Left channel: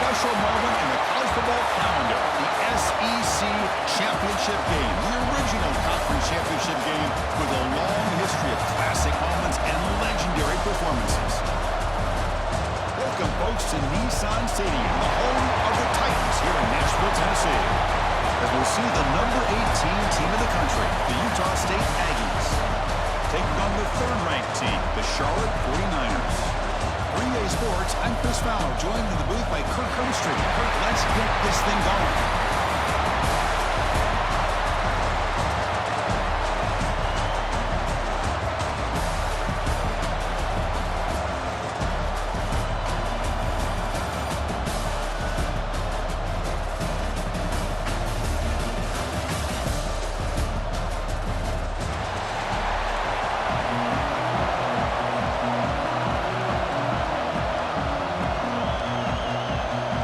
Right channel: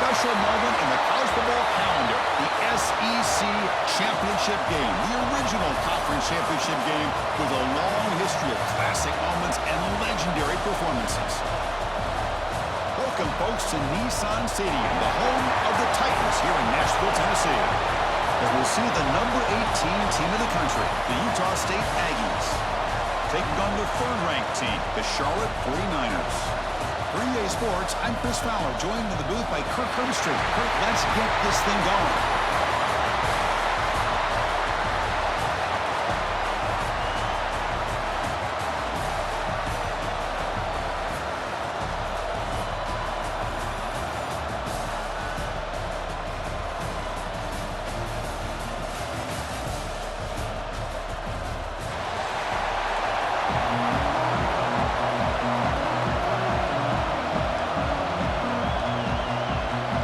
special moment in the college football calendar, the SEC championship game, the original conference championship game with a long history of classic moments and legendary performances. Welcome, folks, to Nissan Stadium, the home of the Titans here in Nashville, Tennessee, as we'll see the number 18 team in the country, the Utah State Aggies, taking on the third-ranked team, the Charlotte 49ers. For EA Sports, I'm Chris Fowler, joined in the booth by Kirk Herbstreit. Kirk, let's get this thing going.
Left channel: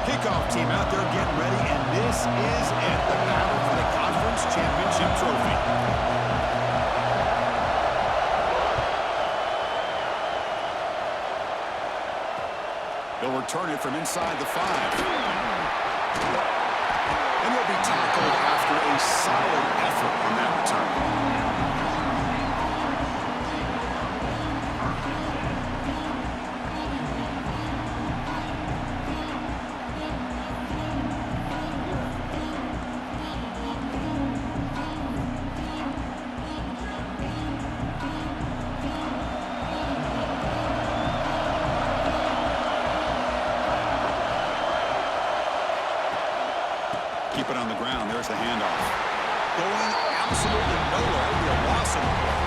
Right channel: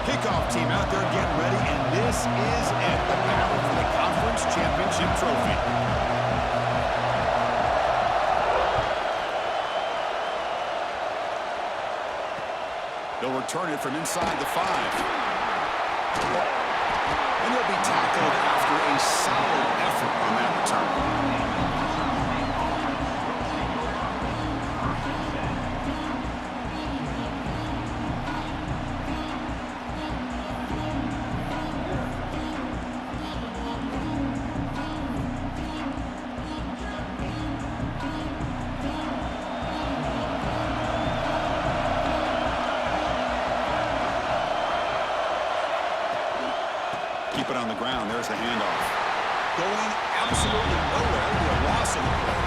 Kickoff team out there getting ready, and this is it, the battle for the conference championship trophy. He'll return it from inside the 5. And he'll be tackled after a solid effort on that return. Keep it on the ground. There's the handoff. Going absolutely nowhere. It'll be a loss in the play.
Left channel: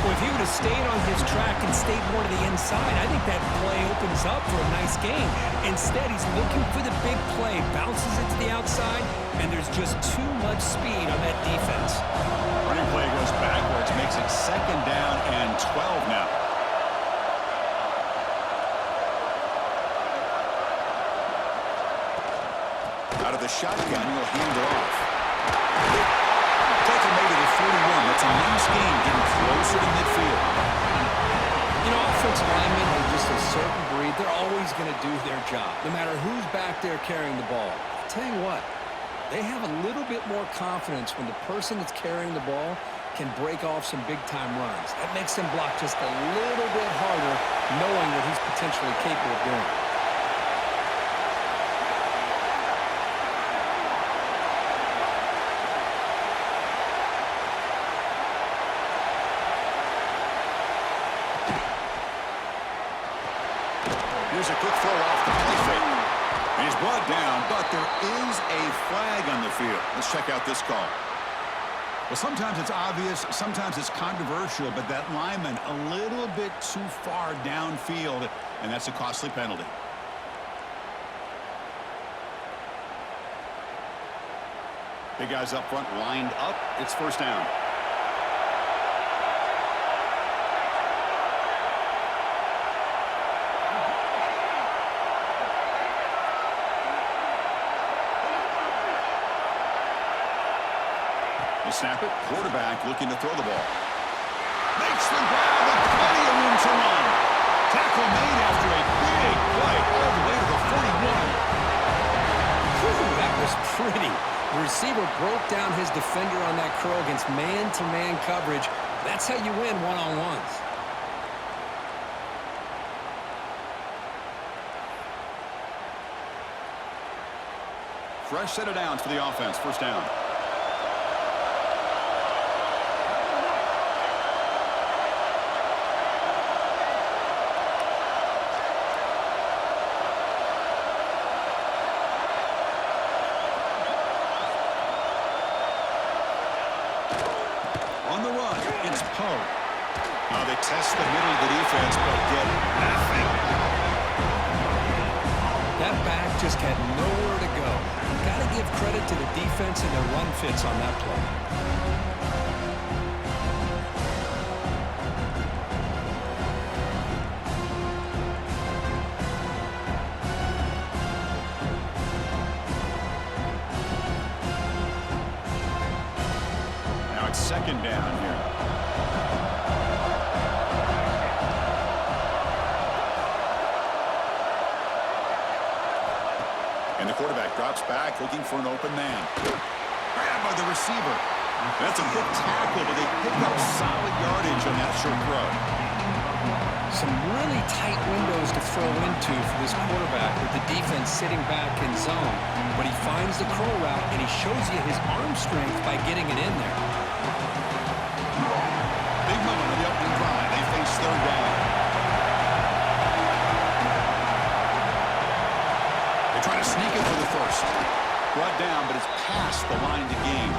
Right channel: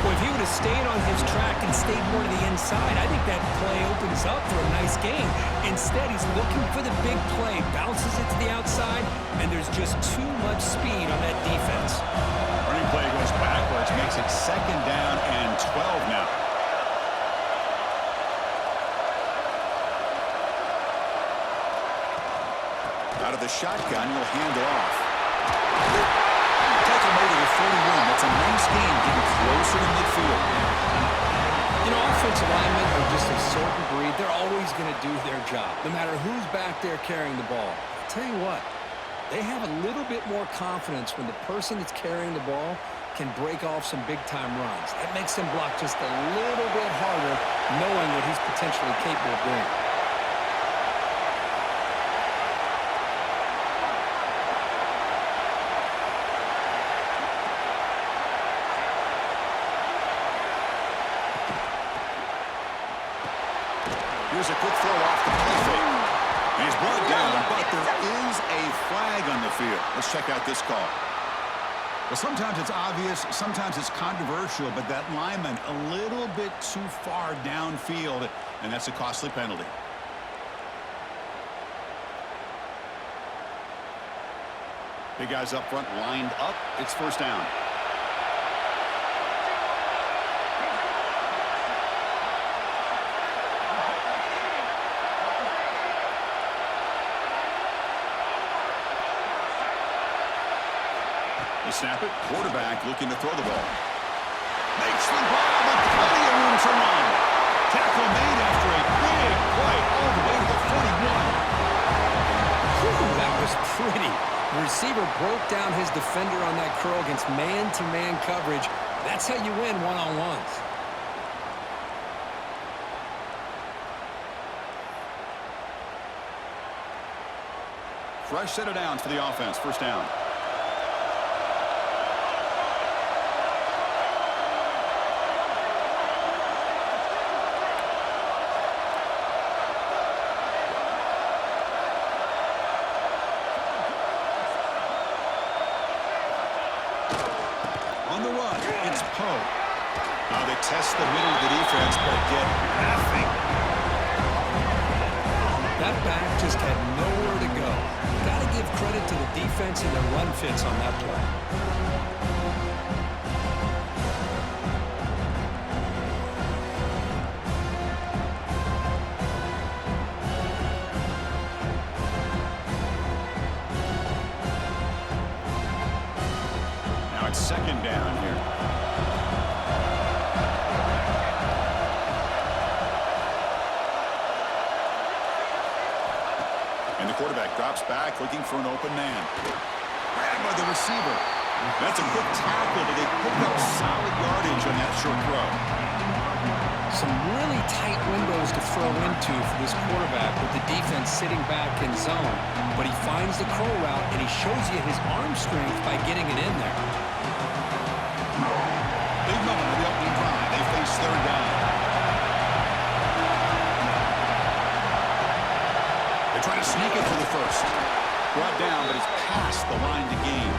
Well, if he would have stayed on his track and stayed more to the inside, I think that play opens up for a nice gain. Instead, he's looking for the big play, bounces it to the outside, and there's just too much speed on that defense. Running play goes backwards, makes it 2nd down and 12 now. Out of the shotgun, he'll hand it off. Tackle made at the 41. That's a nice gain, getting closer to midfield. You know, offensive linemen are just a certain breed. They're always going to do their job, no matter who's back there carrying the ball. I'll tell you what, they have a little bit more confidence when the person that's carrying the ball can break off some big-time runs. That makes them block just a little bit harder, knowing what he's potentially capable of doing. Here's a quick throw off the play fake. And he's brought down, but there is a flag on the field. Let's check out this call. Well, sometimes it's obvious, sometimes it's controversial, but that lineman a little bit too far downfield, and that's a costly penalty. Big guys up front lined up. It's 1st down. They snap it. Quarterback looking to throw the ball. Makes the grab with plenty of room to run. Tackle made after a big play all the way to the 41. Whew, that was pretty. The receiver broke down his defender on that curl against man-to-man coverage. That's how you win one-on-ones. Fresh set of downs for the offense. 1st down. On the run, it's Poe. They test the middle of the defense, but get nothing. That back just had nowhere to go. Got to give credit to the defense and their run fits on that play. Now it's 2nd down here. quarterback drops back looking for an open man. Grabbed by the receiver. That's a quick tackle, but they pick up solid yardage on that short throw. Some really tight windows to throw into for this quarterback with the defense sitting back in zone. But he finds the curl route, and he shows you his arm strength by getting it in there. Big moment on the opening drive. They face third down. They try to sneak it for the first. Brought down, but it's past the line to gain.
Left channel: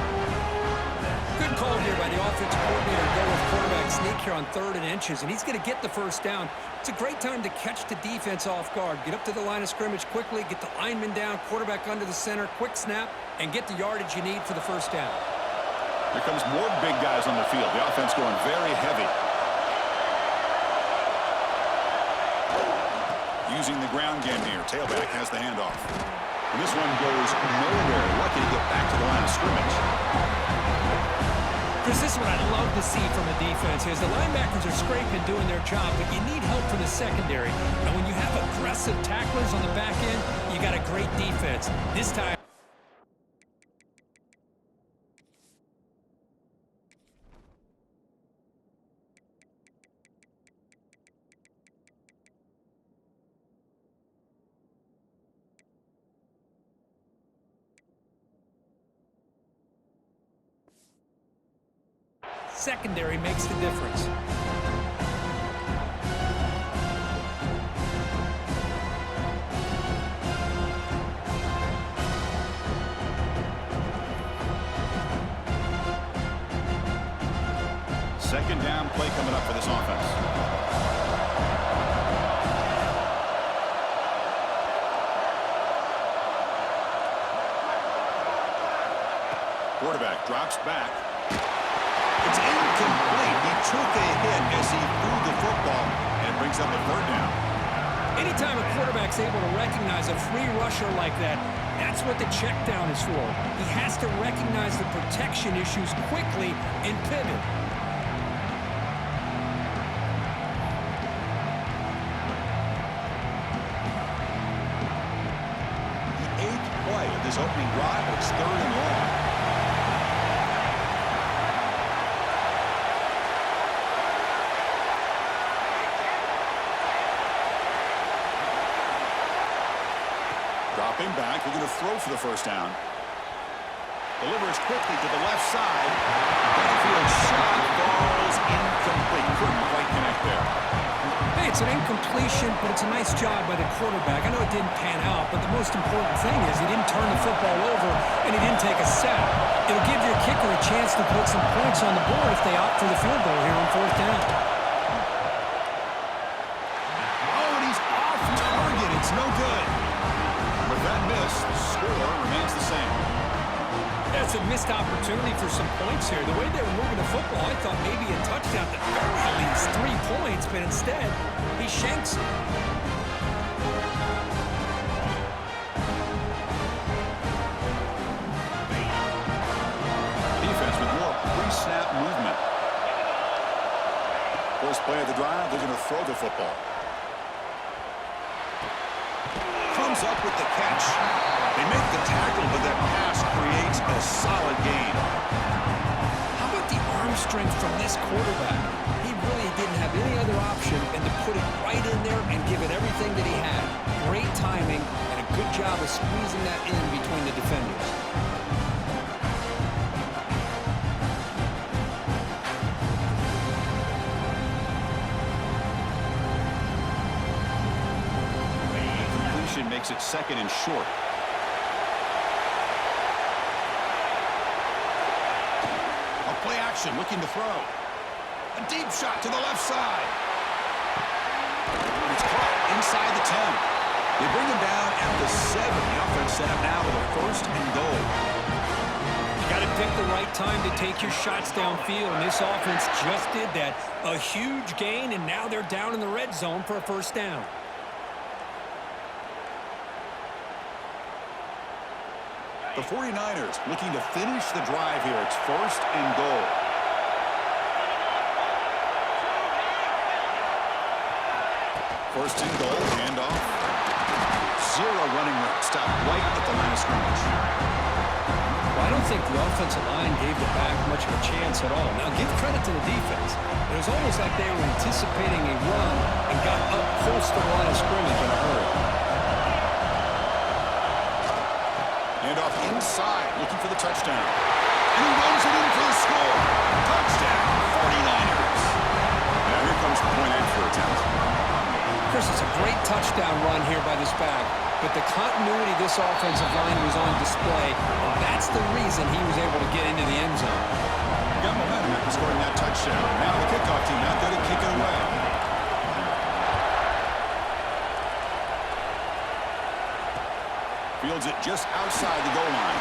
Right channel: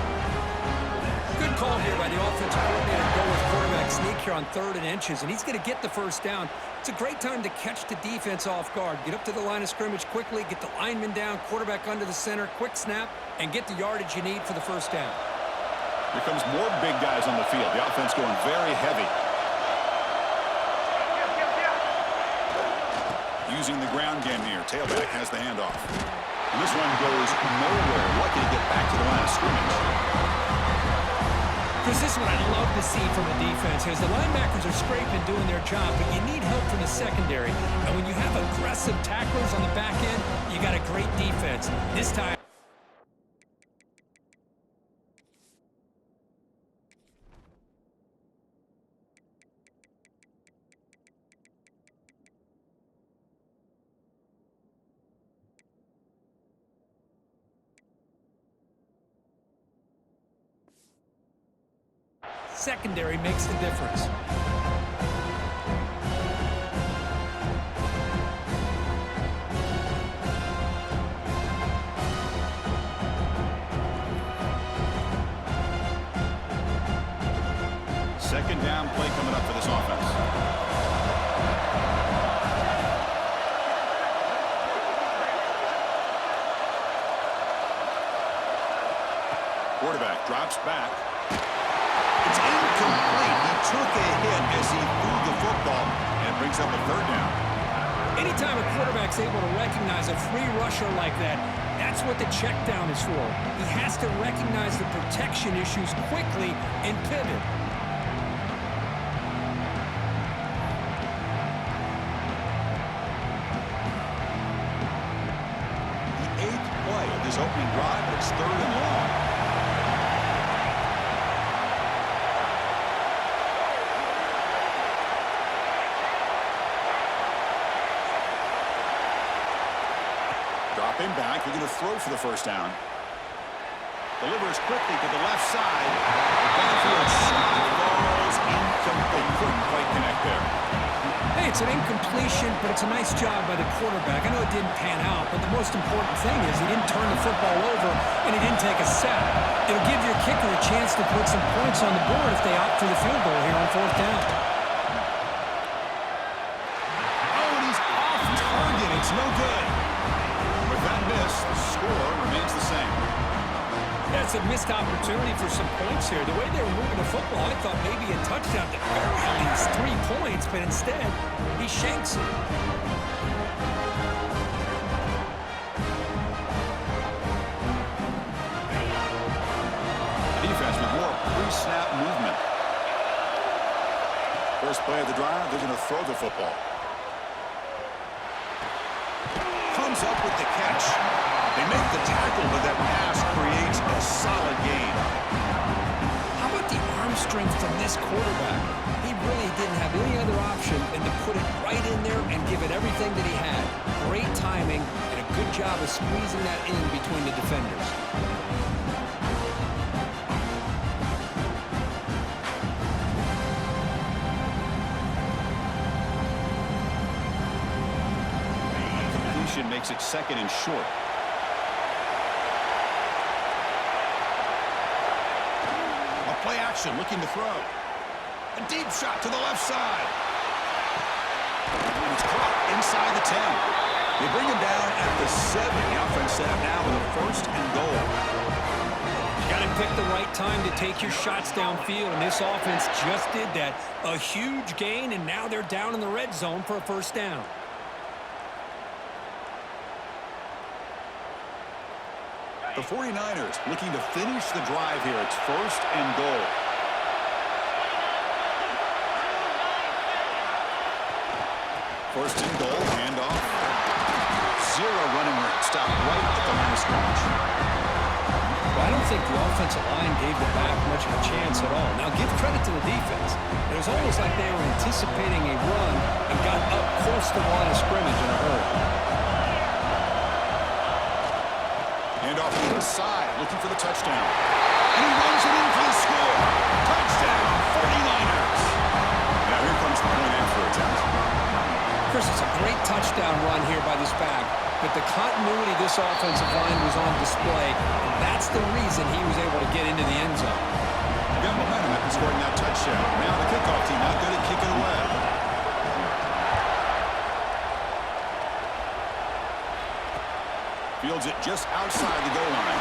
Good call here by the offensive coordinator. Go with quarterback sneak here on 3rd and inches, and he's going to get the first down. It's a great time to catch the defense off guard. Get up to the line of scrimmage quickly, get the lineman down, quarterback under the center, quick snap, and get the yardage you need for the first down. Here comes more big guys on the field. The offense going very heavy. Using the ground game here. Tailback has the handoff. And this one goes nowhere. Lucky to get back to the line of scrimmage. Chris, this is what I love to see from a defense is the linebackers are scraping, doing their job, but you need help from the secondary. And when you have aggressive tacklers on the back end, you got a great defense. This time. Secondary makes the difference. Second down play coming up for this offense. Quarterback drops back. It's incomplete. He took a hit as he threw the football, and it brings up a third down. Anytime a quarterback's able to recognize a free rusher like that, that's what the check down is for. He has to recognize the protection issues quickly and pivot. The 8th play of this opening drive, but it's 3rd and long. Dropping back, we're going to throw for the first down. Delivers quickly to the left side. Downfield shot falls incomplete. Couldn't quite connect there. Hey, it's an incompletion, but it's a nice job by the quarterback. I know it didn't pan out, but the most important thing is he didn't turn the football over and he didn't take a sack. It'll give your kicker a chance to put some points on the board if they opt for the field goal here on 4th down. Oh, and he's off target. It's no good. With that miss, the score remains the same. That's a missed opportunity for some points here. The way they were moving the football, I thought maybe a touchdown, at the very least 3 points, but instead, he shanks it. Defense with more pre-snap movement. First play of the drive, they're going to throw the football. Comes up with the catch. They make the tackle, but that pass creates a solid gain. How about the arm strength from this quarterback? He really didn't have any other option than to put it right in there and give it everything that he had. Great timing and a good job of squeezing that in between the defenders. Makes it 2nd and short. A play action looking to throw. A deep shot to the left side. And it's caught inside the 10. They bring him down at the 7. The offense set up now with a 1st and goal. You got to pick the right time to take your shots downfield, and this offense just did that. A huge gain, and now they're down in the red zone for a 1st down. The 49ers looking to finish the drive here. It's 1st and goal. First and goal, handoff. Zero running room. Stop right at the line of scrimmage. Well, I don't think the offensive line gave the back much of a chance at all. Now, give credit to the defense. It was almost like they were anticipating a run and got up close to the line of scrimmage in a hurry. Hand off inside, looking for the touchdown. And he runs it in for the score. Touchdown, 49ers. Now here comes the point after attempt. Chris, it's a great touchdown run here by this back, but the continuity of this offensive line was on display, and that's the reason he was able to get into the end zone. Got momentum after scoring that touchdown. Now the kickoff team not good at kicking away. Fields it just outside the goal line.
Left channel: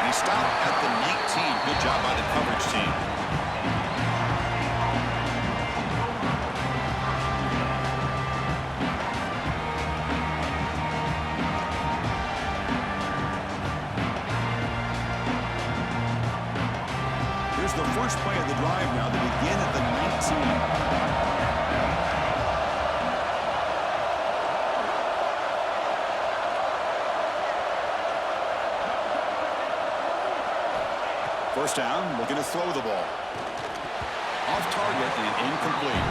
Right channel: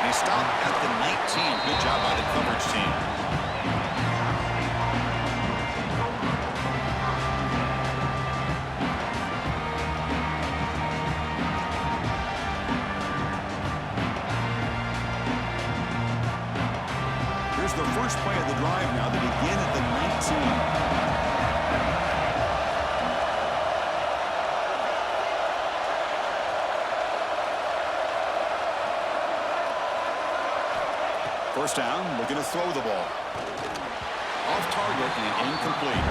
And he stopped at the 19. Good job by the coverage team. Here's the first play of the drive now. They begin at the 19. First down, looking to throw the ball. Off target and incomplete.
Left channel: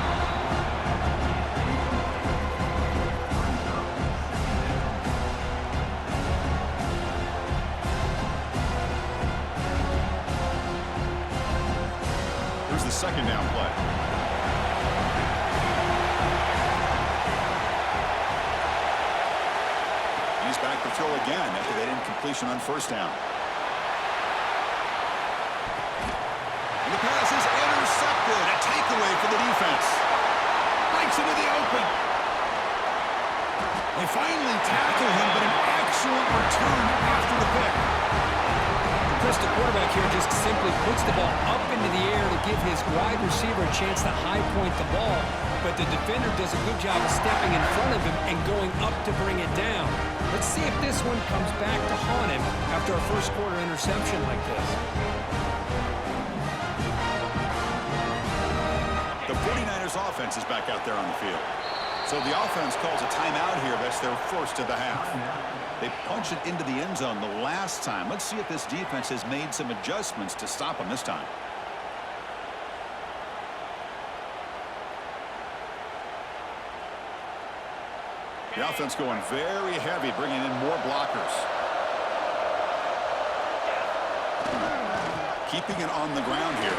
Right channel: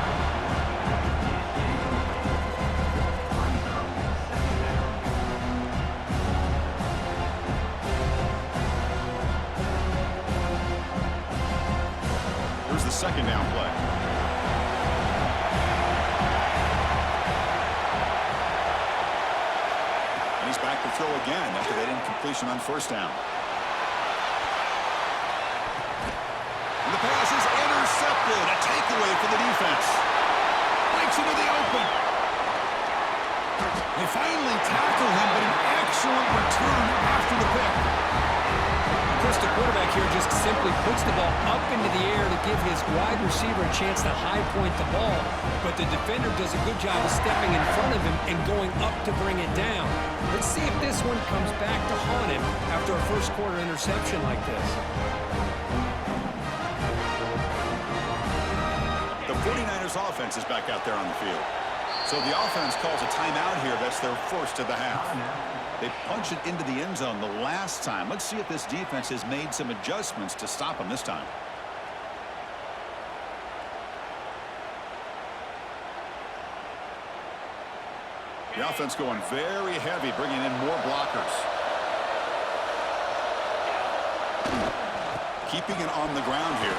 Here's the second down play. And he's back to throw again after that incompletion on first down. And the pass is intercepted. A takeaway for the defense. Breaks into the open. They finally tackle him, but an excellent return after the pick. Chris, the quarterback here just simply puts the ball up into the air to give his wide receiver a chance to high point the ball, but the defender does a good job of stepping in front of him and going up to bring it down. Let's see if this one comes back to haunt him after a first quarter interception like this. The 49ers offense is back out there on the field. So the offense calls a timeout here. That's their first of the half. They punched it into the end zone the last time. Let's see if this defense has made some adjustments to stop them this time. The offense going very heavy, bringing in more blockers. Keeping it on the ground here.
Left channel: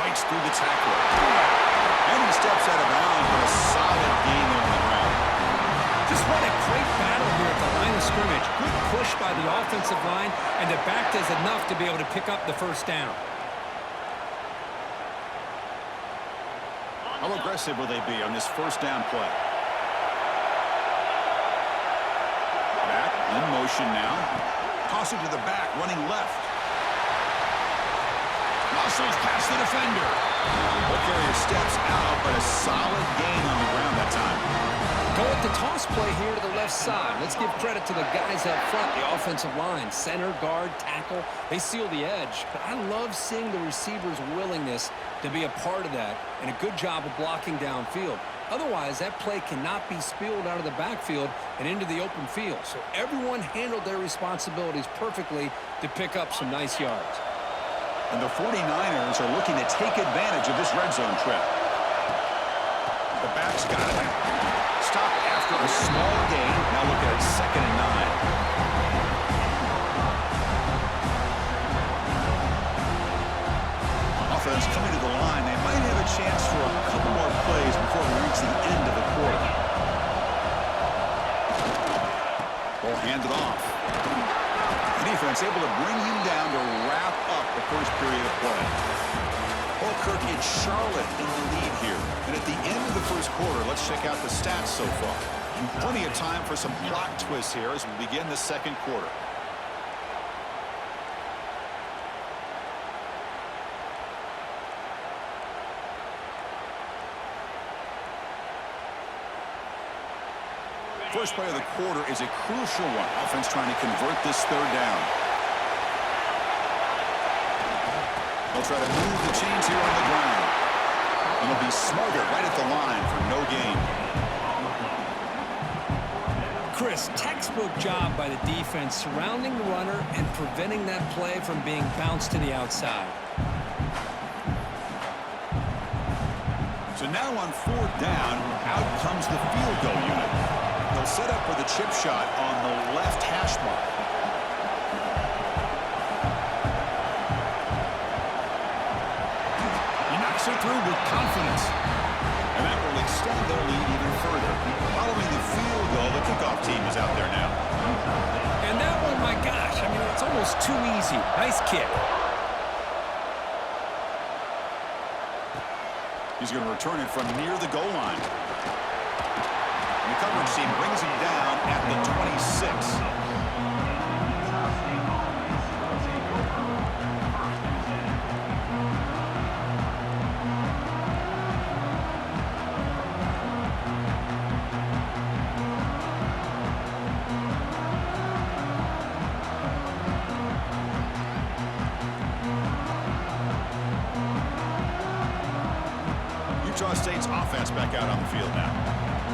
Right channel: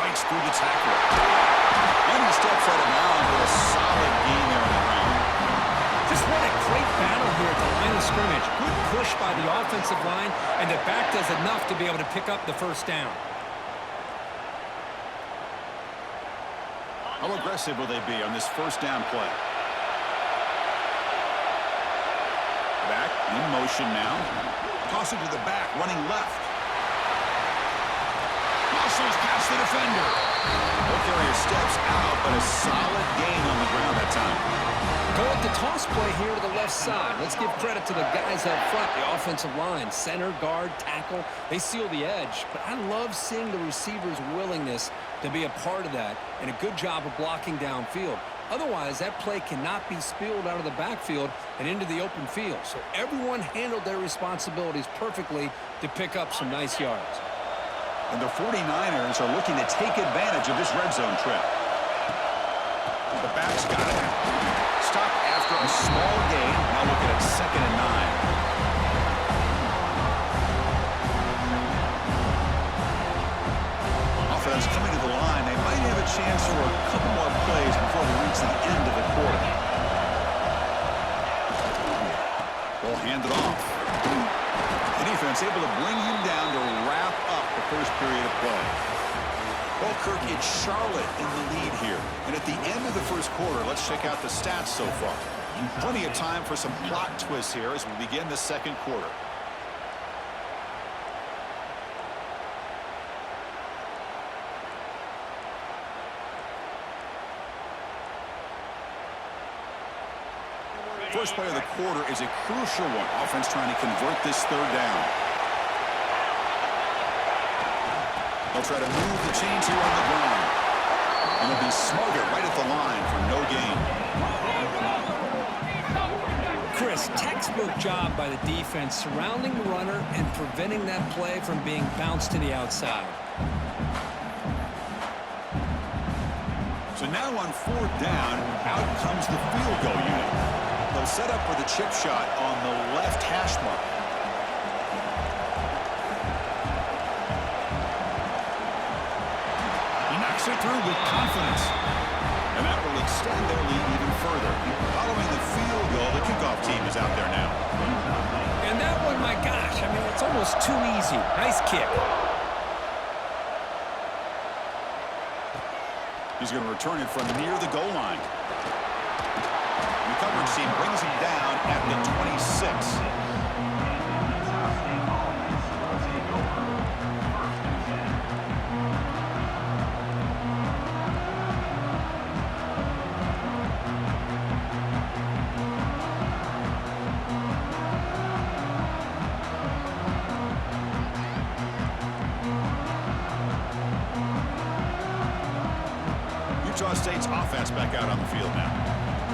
Fights through the tackler. And he steps out of bounds, but a solid gain there on the ground. Just what a great battle here at the line of scrimmage. Good push by the offensive line, and the back does enough to be able to pick up the first down. How aggressive will they be on this first down play? Back in motion now. Toss it to the back, running left. Muscles past the defender. Ball carrier steps out, but a solid gain on the ground that time. Go with the toss play here to the left side. Let's give credit to the guys up front, the offensive line, center, guard, tackle. They seal the edge, but I love seeing the receiver's willingness to be a part of that and a good job of blocking downfield. Otherwise, that play cannot be spilled out of the backfield and into the open field. So everyone handled their responsibilities perfectly to pick up some nice yards. And the 49ers are looking to take advantage of this red zone trip. The back's got it. Stop after a small gain. Now looking at 2nd and 9. Offense coming to the line. They might have a chance for a couple more plays before we reach the end of the quarter. Ball handed off. The defense able to bring him down to wrap up the first period of play. Well, Kirk, it's Charlotte in the lead here. And at the end of the first quarter, let's check out the stats so far. Plenty of time for some plot twists here as we begin the second quarter. First play of the quarter is a crucial one. Offense trying to convert this third down. They'll try to move the chains here on the ground. And they'll be smothered right at the line for no gain. Chris, textbook job by the defense surrounding the runner and preventing that play from being bounced to the outside. So now on 4th down, out comes the field goal unit. They'll set up for the chip shot on the left hash mark. He knocks it through with confidence. And that will extend their lead even further. Following the field goal, the kickoff team is out there now. And that one, my gosh, I mean, it's almost too easy. Nice kick. He's going to return it from near the goal line. And the coverage team brings him down at the 26. Utah State's offense back out on the field now.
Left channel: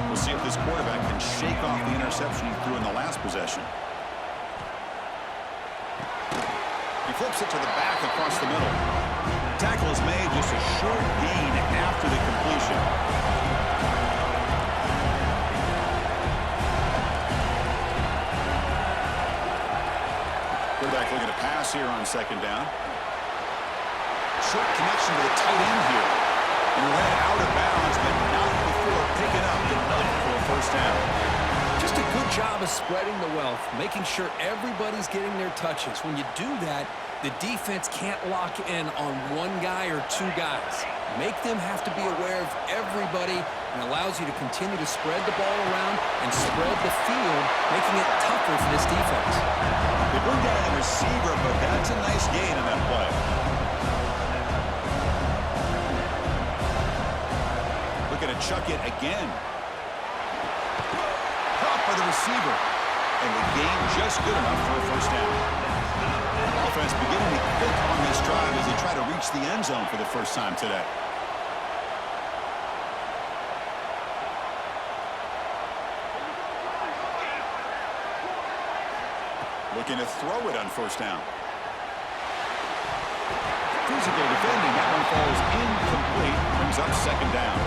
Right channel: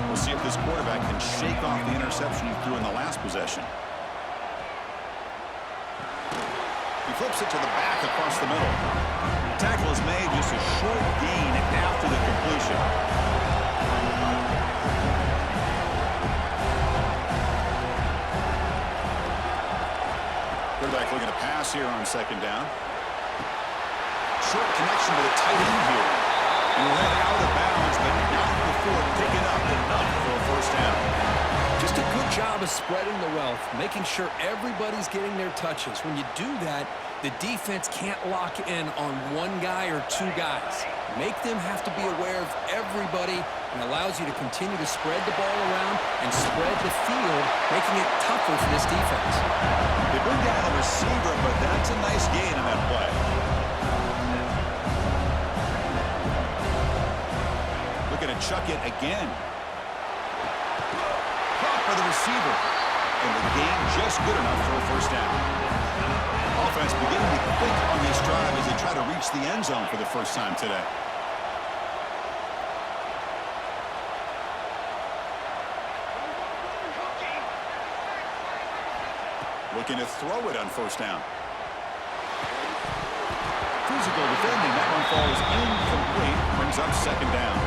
We'll see if this quarterback can shake off the interception he threw in the last possession. He flips it to the back across the middle. Tackle is made, just a short gain after the completion. Quarterback looking to pass here on 2nd down. Short connection to the tight end here. And led out of bounds, but not before picking up enough for a 1st down. Just a good job of spreading the wealth, making sure everybody's getting their touches. When you do that, the defense can't lock in on one guy or two guys. Make them have to be aware of everybody and allows you to continue to spread the ball around and spread the field, making it tougher for this defense. They bring down the receiver, but that's a nice gain in that play. Looking to chuck it again. Caught by the receiver. And the gain just good enough for a 1st down. Offense beginning to click on this drive as they try to reach the end zone for the first time today. Looking to throw it on 1st down. Physical defending. That one falls incomplete. Brings up 2nd down.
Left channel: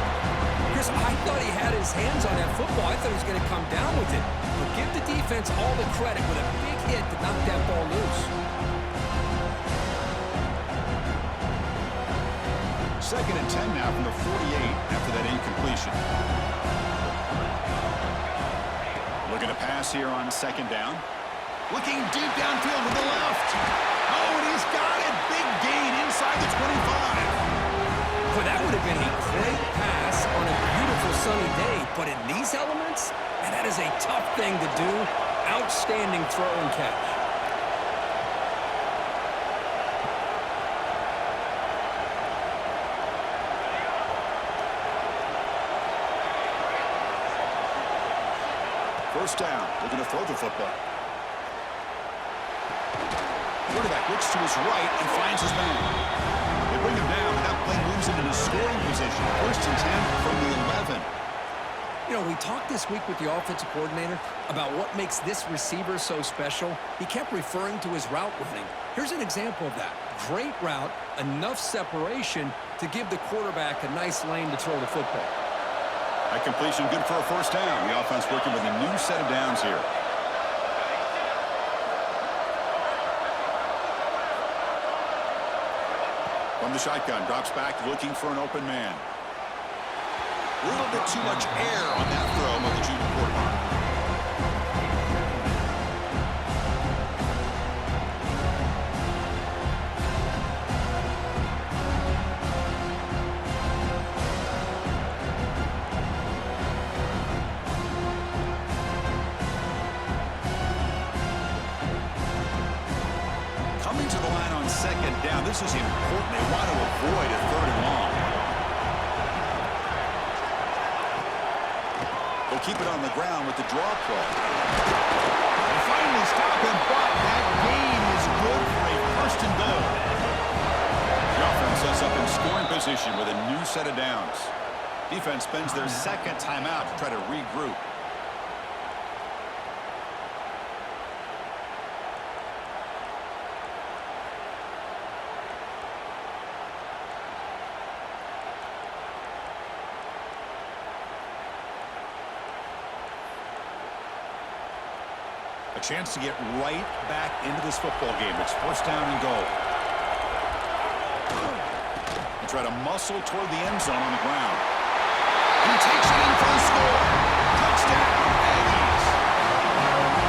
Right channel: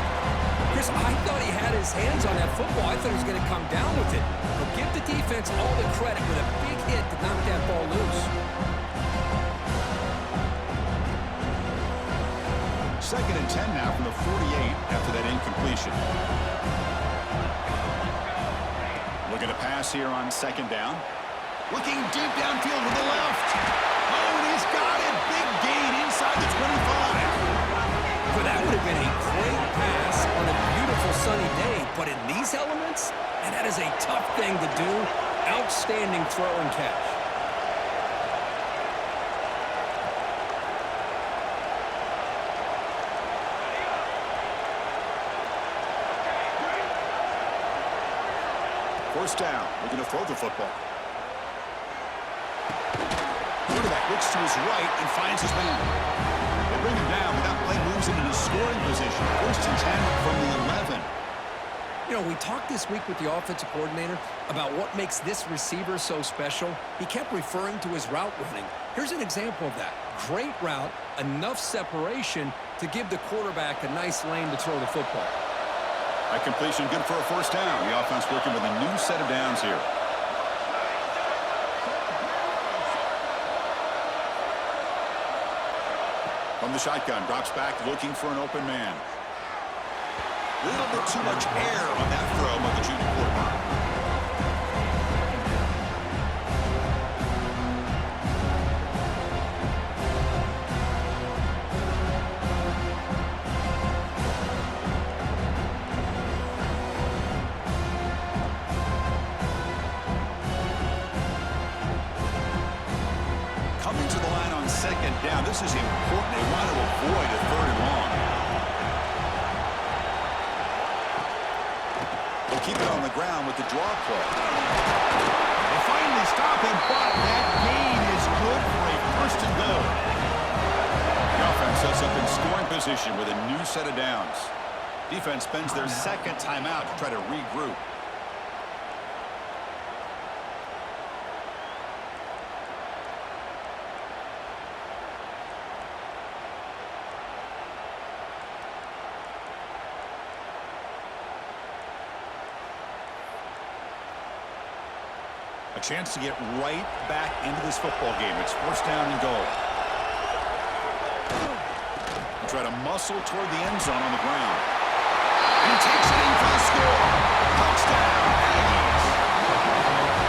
Chris, I thought he had his hands on that football. I thought he was going to come down with it. But give the defense all the credit with a big hit to knock that ball loose. 2nd and 10 now from the 48 after that incompletion. Looking to pass here on 2nd down. Looking deep downfield to the left. Oh, and he's got it. Big gain inside the 25. Well, that would have been a great pass on a beautiful sunny day, but in these elements, and that is a tough thing to do. Outstanding throw and catch. First down, looking to throw the football. Quarterback looks to his right and finds his man. They bring him down, but that play moves him into scoring position. 1st and 10 from the 11. You know, we talked this week with the offensive coordinator about what makes this receiver so special. He kept referring to his route running. Here's an example of that. Great route, enough separation to give the quarterback a nice lane to throw the football. That completion good for a 1st down. The offense working with a new set of downs here. From the shotgun, drops back, looking for an open man. A little bit too much air on that throw by the junior quarterback. Coming to the line on 2nd down. This is important. They want to avoid a 3rd and long. They'll keep it on the ground with the draw play. They finally stop him, but that gain is good for a 1st and goal. The offense sets up in scoring position with a new set of downs. Defense spends their 2nd timeout to try to regroup. A chance to get right back into this football game. It's first down and goal. He'll try to muscle toward the end zone on the ground. And he takes it in for the score. Touchdown, Aggies.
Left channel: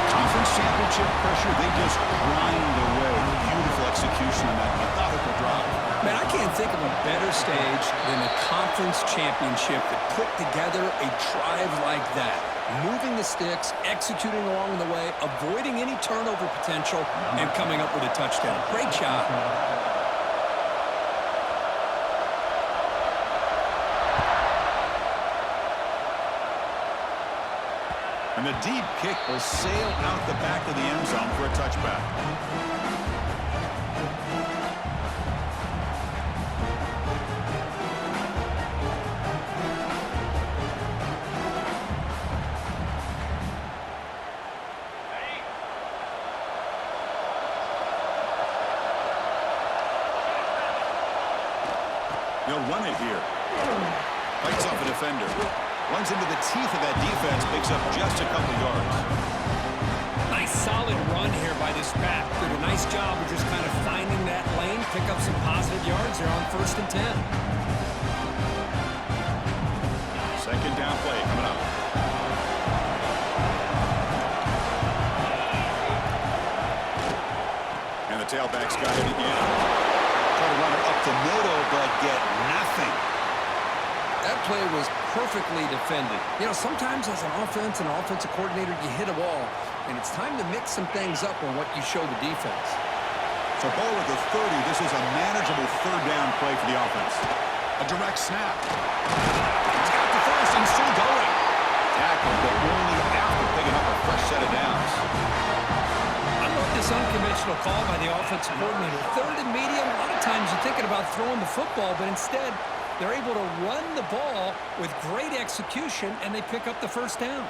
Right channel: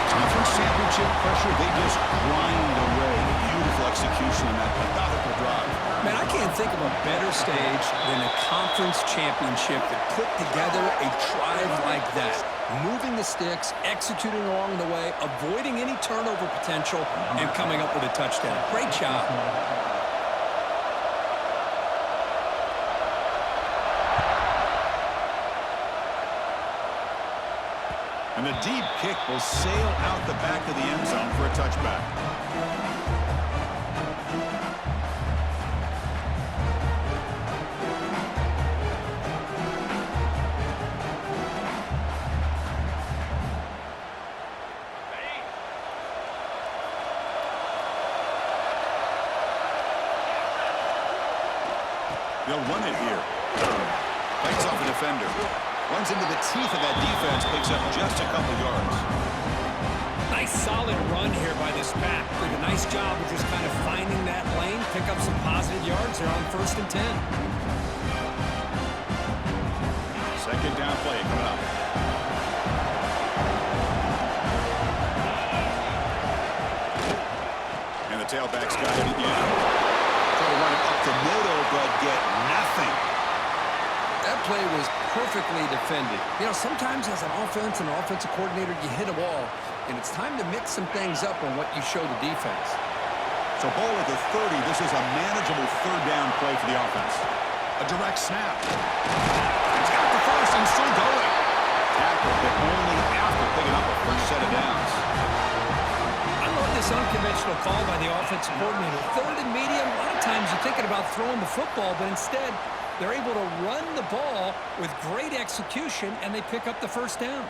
Conference championship pressure, they just grind away. Beautiful execution on that methodical drive. Man, I can't think of a better stage than a conference championship that put together a drive like that. Moving the sticks, executing along the way, avoiding any turnover potential, and coming up with a touchdown. Great job. And the deep kick will sail out the back of the end zone for a touchback. They'll run it here. Fights off a defender. Runs into the teeth of that defense, picks up just a couple yards. Nice solid run here by this back. Did a nice job of just kind of finding that lane, pick up some positive yards there on 1st and 10. Second down play coming up. And the tailback's got it again. Try to run it up the middle, but get nothing. That play was perfectly defended. You know, sometimes as an offense and an offensive coordinator, you hit a wall, and it's time to mix some things up on what you show the defense. So ball at the 30. This is a manageable third down play for the offense. A direct snap. He's got the first and still going. Tackled, but only after picking up a fresh set of downs. I love this unconventional call by the offensive coordinator. Third and medium, a lot of times you're thinking about throwing the football, but instead they're able to run the ball with great execution, and they pick up the first down.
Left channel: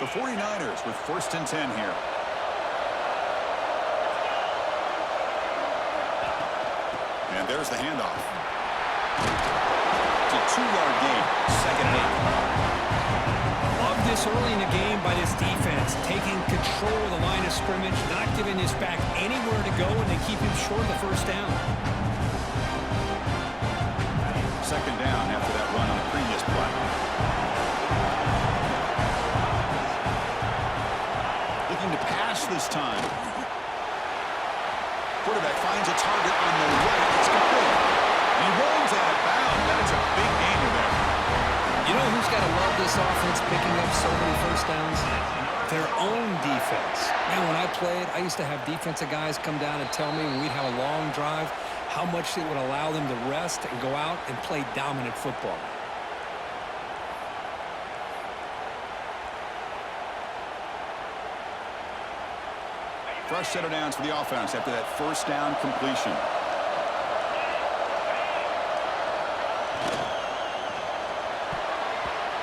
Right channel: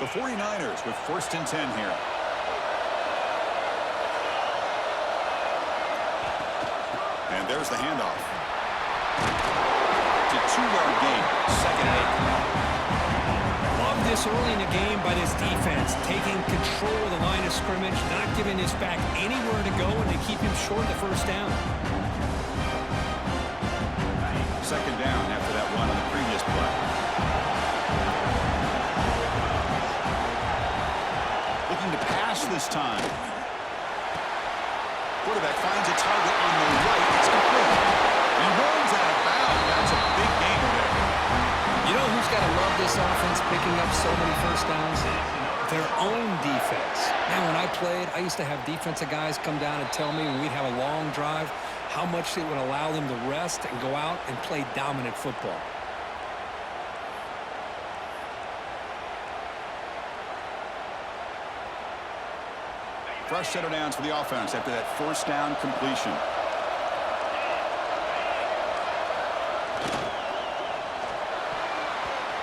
The 49ers with 1st and 10 here. And there's the handoff. It's a 2-yard gain. 2nd and 8 coming up. Love this early in the game by this defense, taking control of the line of scrimmage, not giving this back anywhere to go, and they keep him short of the first down. 2nd down after that run on the previous play. Looking to pass this time. Quarterback finds a target on the right. It's complete. And he runs out of bounds. That's a big gainer there. You know who's got to love this offense picking up so many first downs? Their own defense. Man, when I played, I used to have defensive guys come down and tell me when we'd have a long drive how much it would allow them to rest and go out and play dominant football. Fresh set of downs for the offense after that first down completion.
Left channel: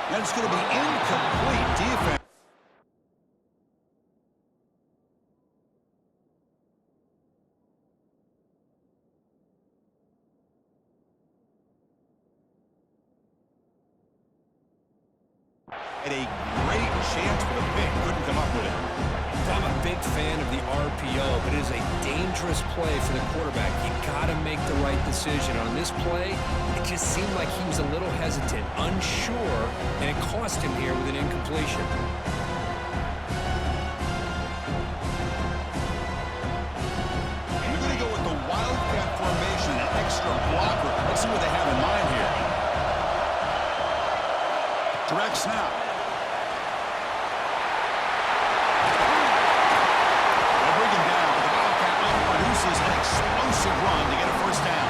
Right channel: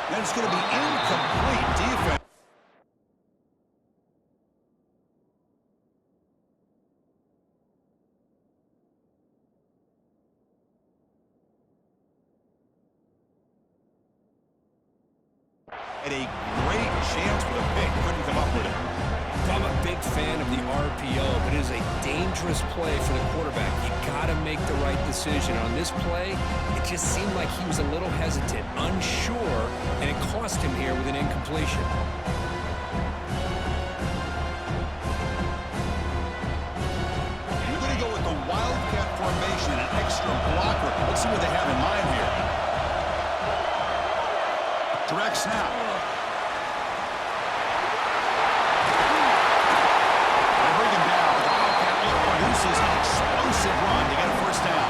And it's going to be incomplete defense. Had a great chance for the pick. Couldn't come up with it. I'm a big fan of the RPO, but it is a dangerous play for the quarterback. You got to make the right decision. On this play, it just seemed like he was a little hesitant, unsure, and it cost him here with an incompletion. We're going to go with the wildcat formation, an extra blocker. Let's see what they have in mind here. Direct snap. Produces an explosive run to get a first down.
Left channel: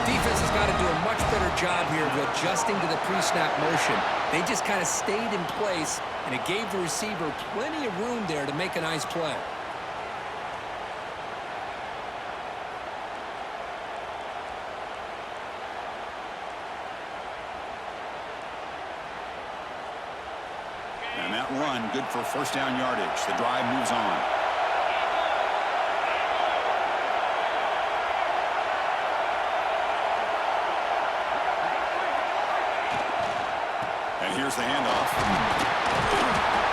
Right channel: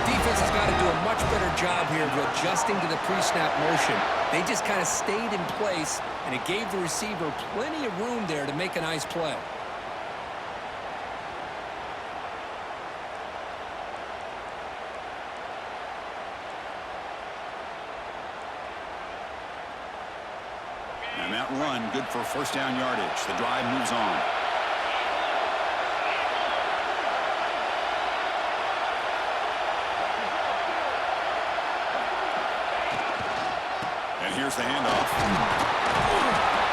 The defense has got to do a much better job here of adjusting to the pre-snap motion. They just kind of stayed in place, and it gave the receiver plenty of room there to make a nice play. And that run, good for first down yardage. The drive moves on. And here's the handoff.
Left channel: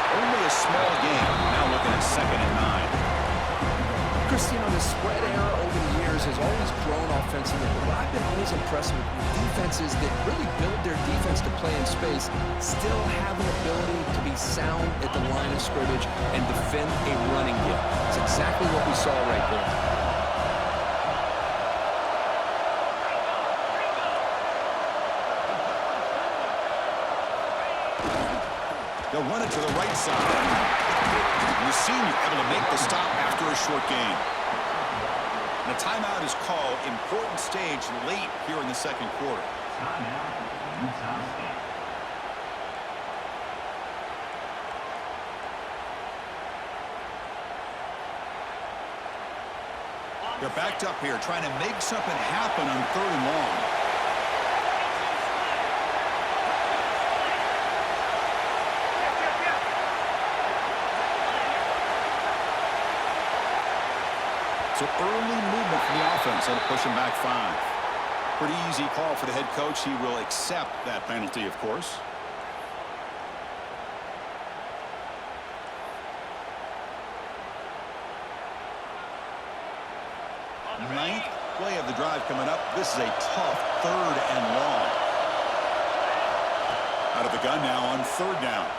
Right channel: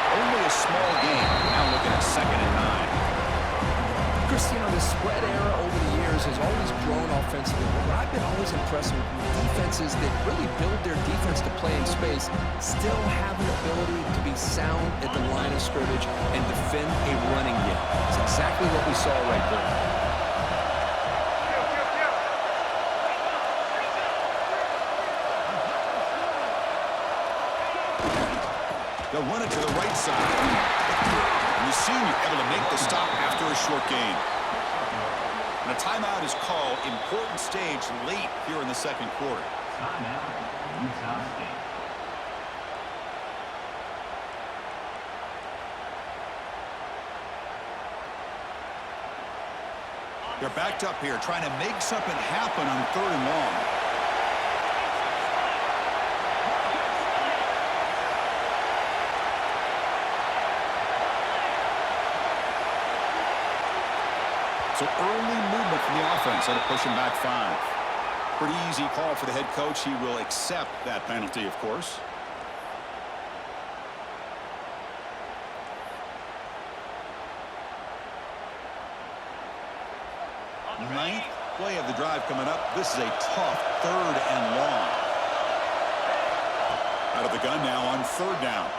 Only a small gain. Now looking at 2nd and 9. Chris, you know, the spread era over the years has always grown offensively, but what I've been always impressed with defenses that really build their defense to play in space still have an ability to be sound at the line of scrimmage and defend a running game. It's exactly what we saw right there. They'll run it to the right side. And the senior able to make the stop after a short gain. And a timeout is called. Important stage late here in the 2nd quarter. Timeout, Utah State. They're backed up here trying to make something happen on 3rd and long. So early movement from the offense. That'll push him back 5. Pretty easy call for the head coach. He will accept that penalty, of course. 9th play of the drive coming up. This is a tough 3rd and long. Out of the gun now on 3rd down.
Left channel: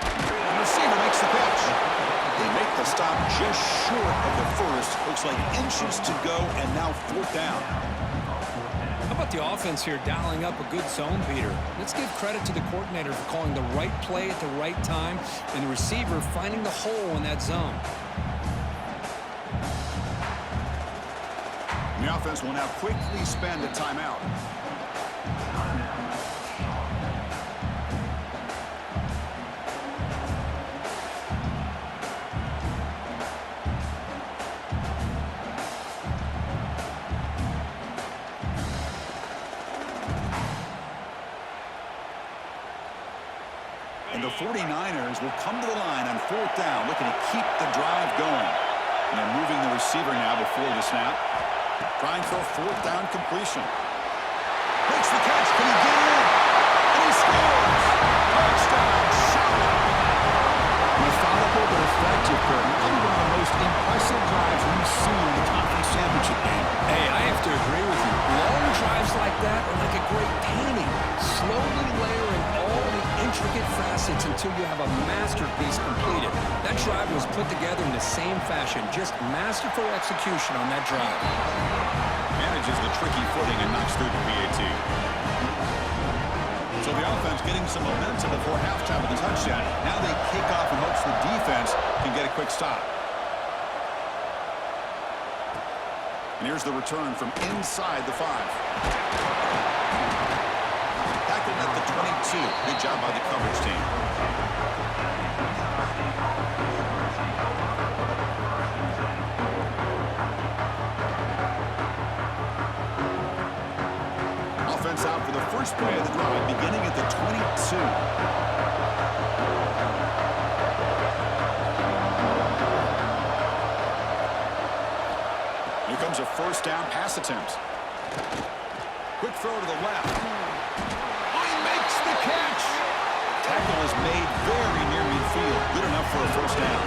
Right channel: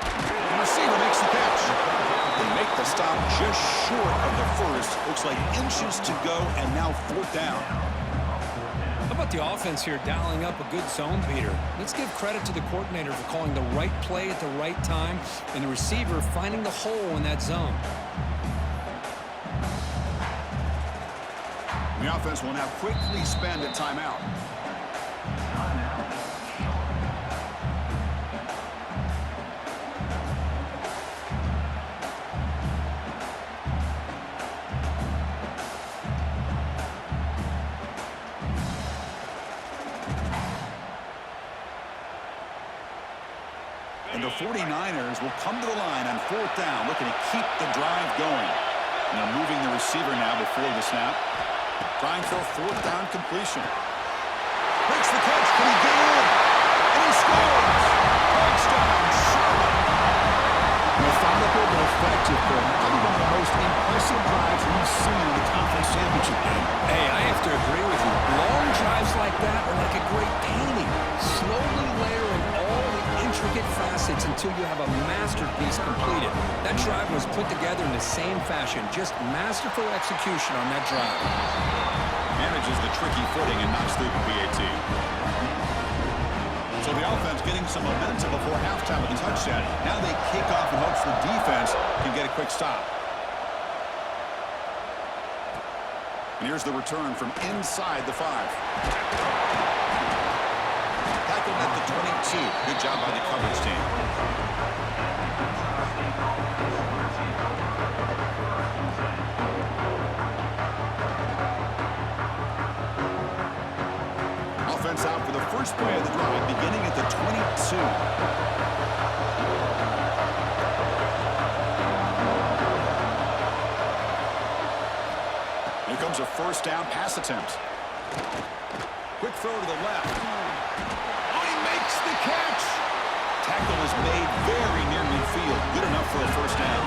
The receiver makes the catch. They make the stop just short of the first. Looks like inches to go, and now 4th down. How about the offense here dialing up a good zone beater? Let's give credit to the coordinator for calling the right play at the right time and the receiver finding the hole in that zone. And the offense will now quickly spend a timeout. And the 49ers will come to the line on 4th down, looking to keep the drive going. And they're moving the receiver now before the snap. Trying for a 4th down completion. Makes the catch. Can he get in? And he scores! Touchdown, Charlotte! Methodical but effective, probably one of the most impressive drives we've seen in the conference championship game. Hey, I have to agree with you. Long drives like that are like a great painting. Slowly layering all the intricate facets until you have a masterpiece completed. That drive was put together in the same fashion. Just masterful execution on that drive. Manages the tricky footing and knocks through the PAT. So the offense getting some momentum before halftime with the touchdown. Now they kick off in hopes the defense can get a quick stop. And here's the return from inside the 5. Tackled at the 22. Good job by the coverage team. Offense out for the first play of the drive, beginning at the 22. Here comes a 1st down pass attempt. Quick throw to the left. Oh, he makes the catch. Tackle is made very near midfield. Good enough for a 1st down.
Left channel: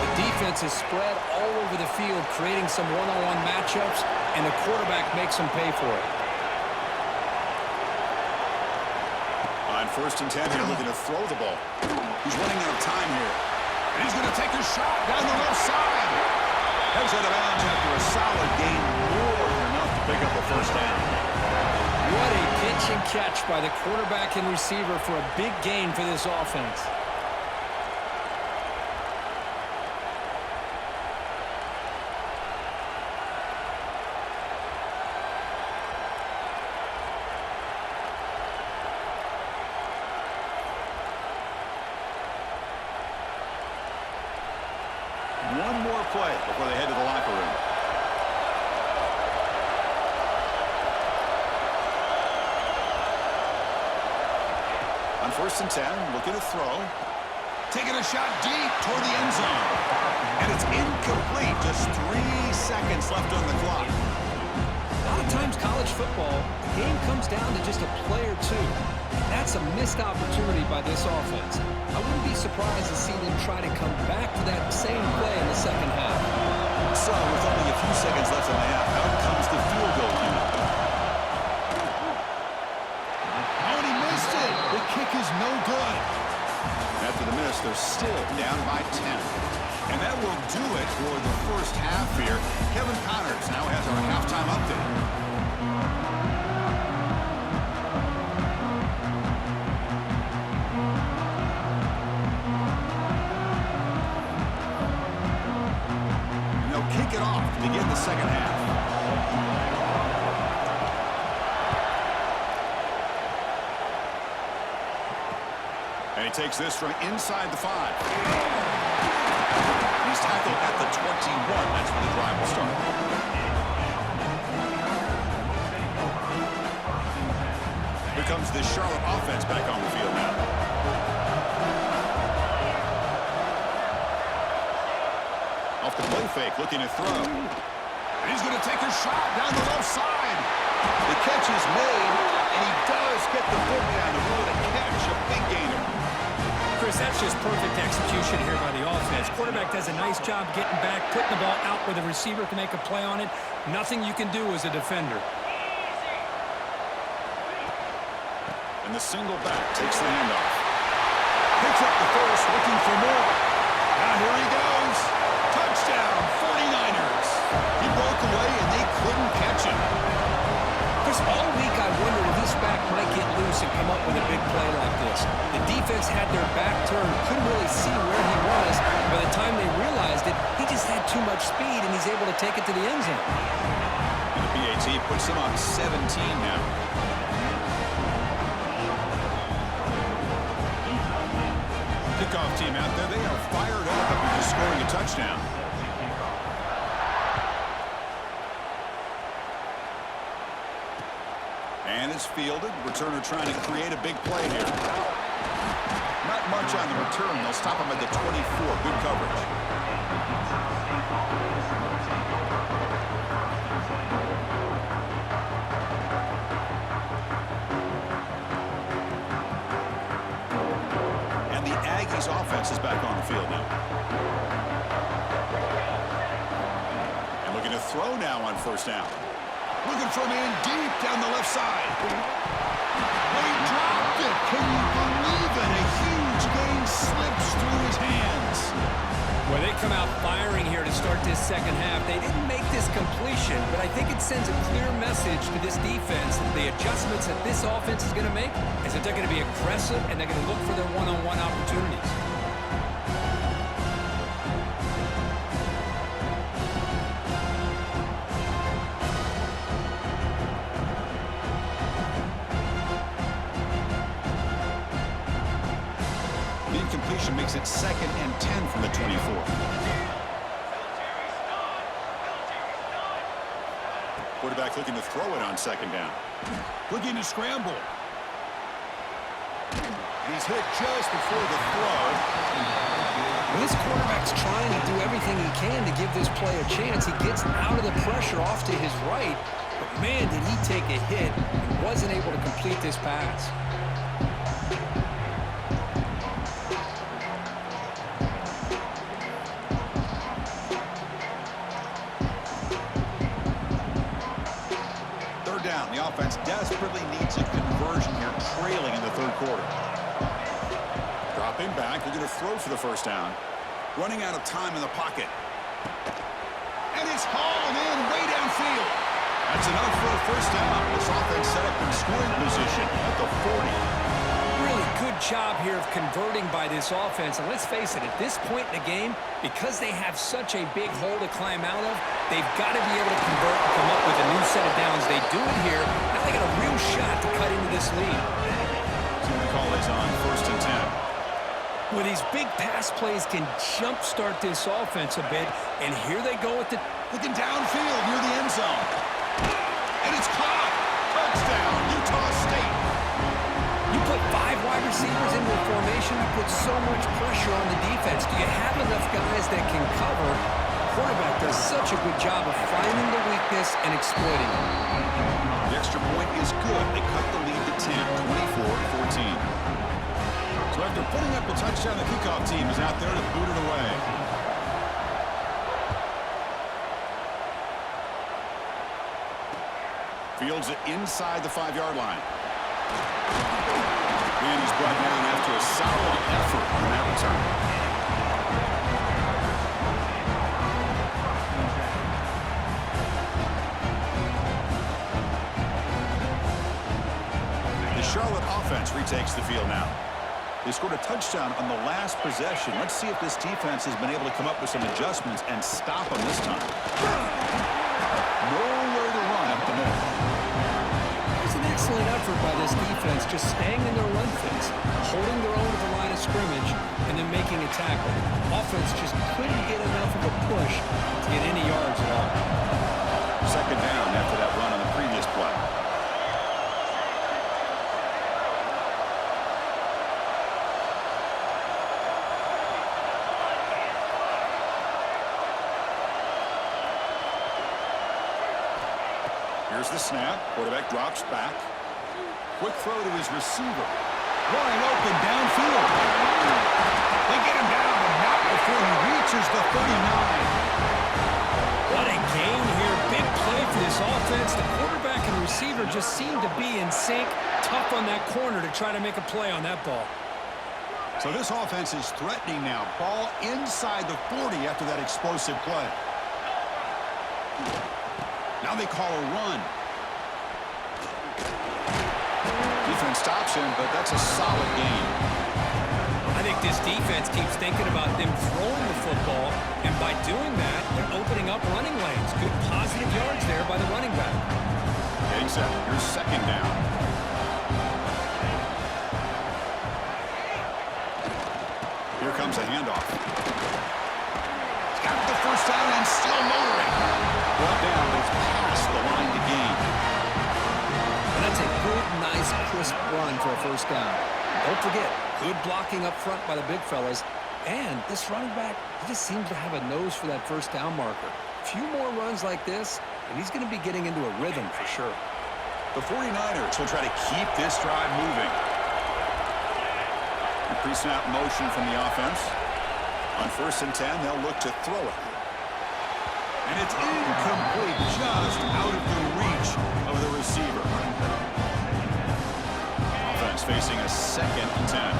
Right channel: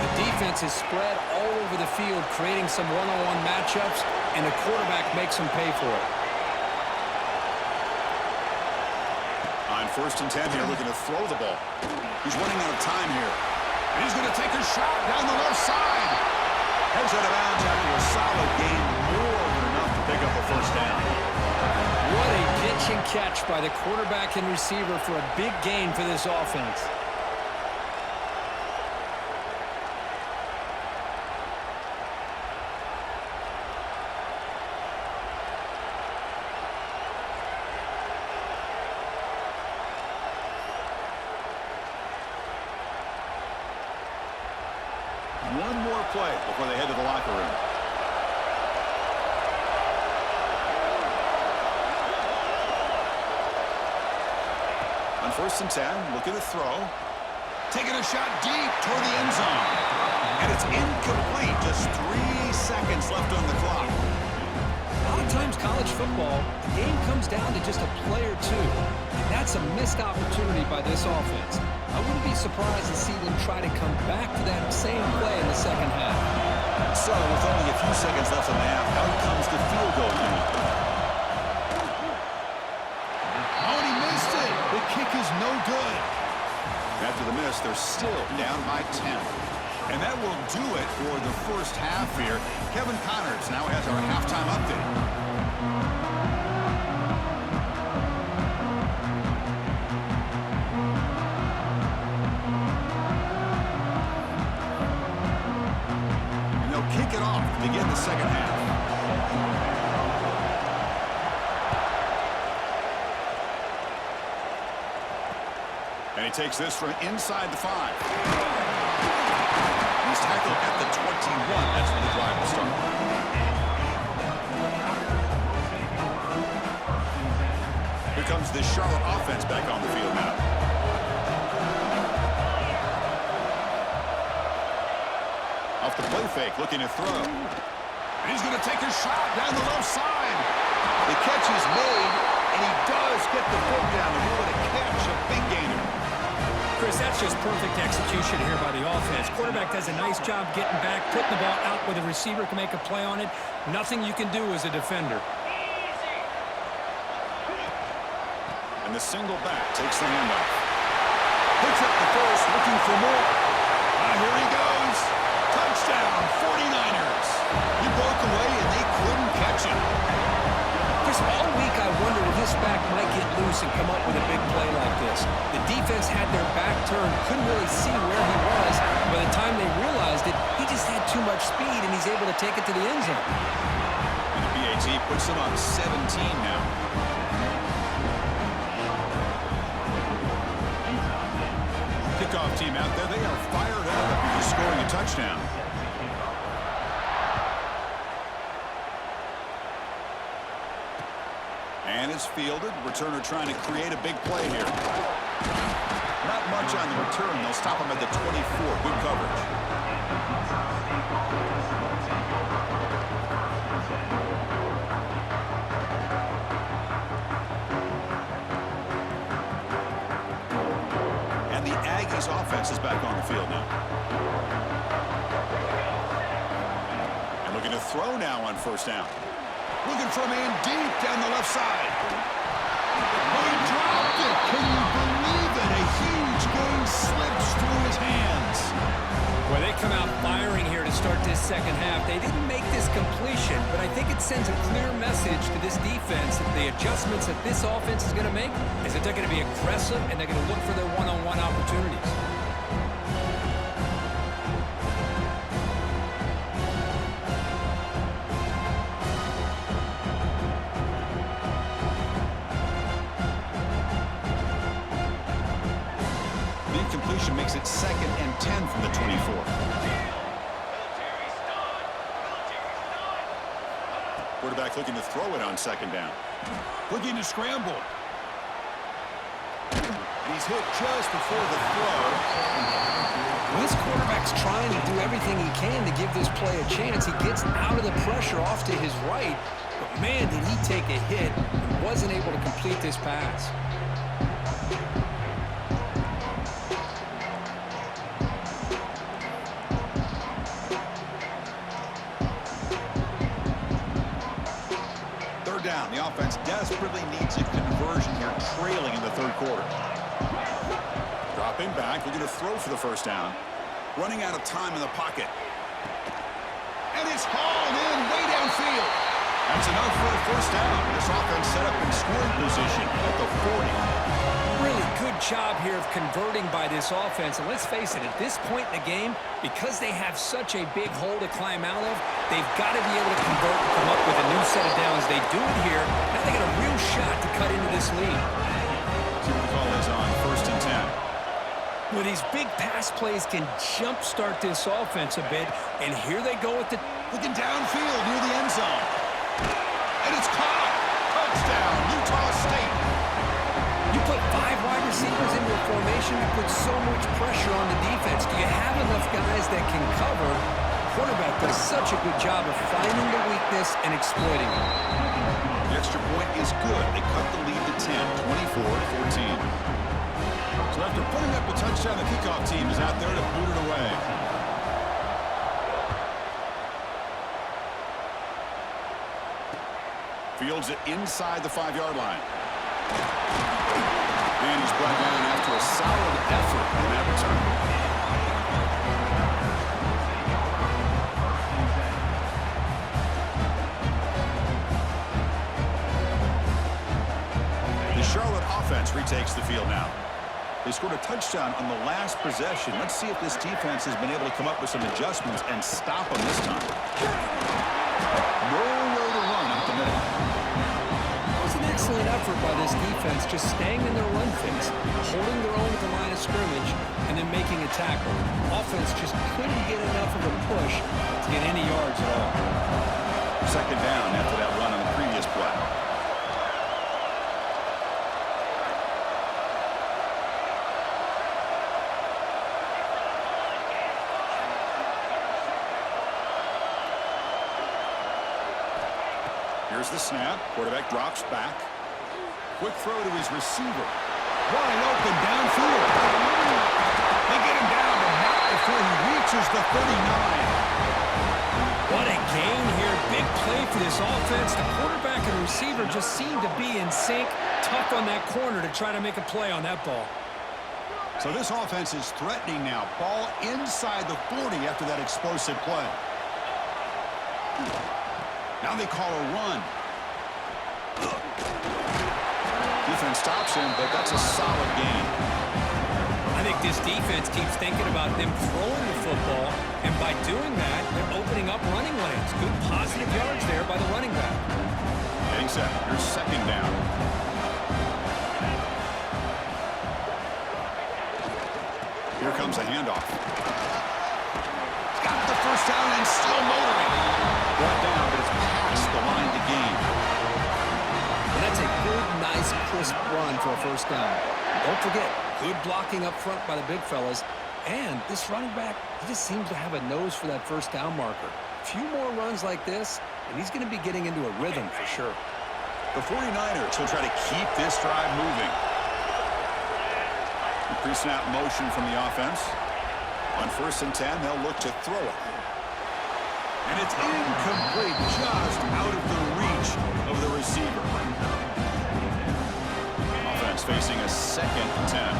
The defense is spread all over the field, creating some one-on-one matchups, and the quarterback makes them pay for it. On 1st and 10 here, looking to throw the ball. He's running out of time here. And he's going to take a shot down the left side. Heads out of bounds after a solid gain, more than enough to pick up a 1st down. What a pitch and catch by the quarterback and receiver for a big gain for this offense. One more play before they head to the locker room. On 1st and 10, looking to throw. Taking a shot deep toward the end zone. And it's incomplete. Just 3 seconds left on the clock. A lot of times college football, the game comes down to just a play or two. And that's a missed opportunity by this offense. I wouldn't be surprised to see them try to come back to that same play in the second half. So, with only a few seconds left in the half, out comes the field goal unit. Oh, and he missed it. The kick is no good. After the miss, they're still down by 10. And that will do it for the first half here. Kevin Connors now has our halftime update. And they'll kick it off to begin the second half. And he takes this from inside the 5. He's tackled at the 21. That's when the drive will start. Here comes the Charlotte offense back on the field now. Off the play fake, looking to throw. And he's going to take a shot down the left side. The catch is made, and he does get the foot down to rule it a catch, a big gainer. Chris, that's just perfect execution here by the offense. Quarterback does a nice job getting back, putting the ball out where the receiver can make a play on it. Nothing you can do as a defender. And the single back takes the handoff. Picks up the first, looking for more. Here he goes. Touchdown, 49ers. He broke away, and they couldn't catch him. Chris, all week I wondered if this back might get loose and come up with a big play like this. The defense had their back turned, couldn't really see where he was. By the time they realized it, he just had too much speed, and he's able to take it to the end zone. And the PAT puts them up 17 now. Kickoff team out there, they are fired up after just scoring a touchdown. And it's fielded. Returner trying to create a big play here. Not much on the return. They'll stop him at the 24. Good coverage. And the Aggies offense is back on the field now. And looking to throw now on first down. Looking for a man deep down the left side. Oh, he dropped it. Can you believe it? A huge gain slips through his hands. Well, they come out firing here to start this second half. They didn't make this completion, but I think it sends a clear message to this defense that the adjustments that this offense is going to make is that they're going to be aggressive and they're going to look for their one-on-one opportunities. The incompletion makes it 2nd and 10 from the 24. Quarterback looking to throw it on second down. Looking to scramble. And he's hit just before the throw. Well, this quarterback's trying to do everything he can to give this play a chance. He gets out of the pressure off to his right, but man, did he take a hit and wasn't able to complete this pass. Down. The offense desperately needs a conversion here, trailing in the third quarter. Dropping back, looking to throw for the first down. Running out of time in the pocket. And it's hauled in way downfield. That's enough for a first down. This offense set up in scoring position at the 40. Really good job here of converting by this offense. And let's face it, at this point in the game, because they have such a big hole to climb out of, they've got to be able to convert and come up with a new set of downs. They do it here. Now they got a real shot to cut into this lead. See what the call is on 1st and 10. Well, these big pass plays can jumpstart this offense a bit. And here they go with the... Looking downfield near the end zone. And it's caught. Touchdown, Utah State. You put 5 wide receivers into a formation, you put so much pressure on the defense. Do you have enough guys that can cover? quarterback does such a good job of finding the weakness and exploiting it. The extra point is good. They cut the lead to 10, 24-14. So after putting up a touchdown, the kickoff team is out there to boot it away. Fields it inside the 5-yard line. And he's brought down after a solid effort on that return. The Charlotte offense retakes the field now. They scored a touchdown on the last possession. Let's see if this defense has been able to come up with some adjustments and stop them this time. Nowhere to run up the middle. That was an excellent effort by this defense, just staying in their run fix, holding their own at the line of scrimmage, and then making a tackle. Offense just couldn't get enough of a push to get any yards at all. Second down after that run on the previous play. Here's the snap. Quarterback drops back. Quick throw to his receiver. Wide open downfield. They get him down, but not before he reaches the 39. What a gain here. Big play for this offense. The quarterback and receiver just seem to be in sync. Tough on that corner to try to make a play on that ball. So this offense is threatening now. Ball inside the 40 after that explosive play. Now they call a run. Defense stops him, but that's a solid gain. I think this defense keeps thinking about them throwing the football, and by doing that, they're opening up running lanes. Good positive yards there by the running back. Getting set. Here's second down. Here comes a handoff. He's got the first down and still motoring. Brought down, but it's past the line to gain. And that's a good, nice, crisp run for a first down. Don't forget, good blocking up front by the big fellas. And this running back, he just seems to have a nose for that first down marker. A few more runs like this, and he's going to be getting into a rhythm for sure. The 49ers will try to keep this drive moving. The pre-snap motion from the offense. On 1st and 10, they'll look to throw it. And it's incomplete, just out of the reach of the receiver. Offense facing a 2nd and 10.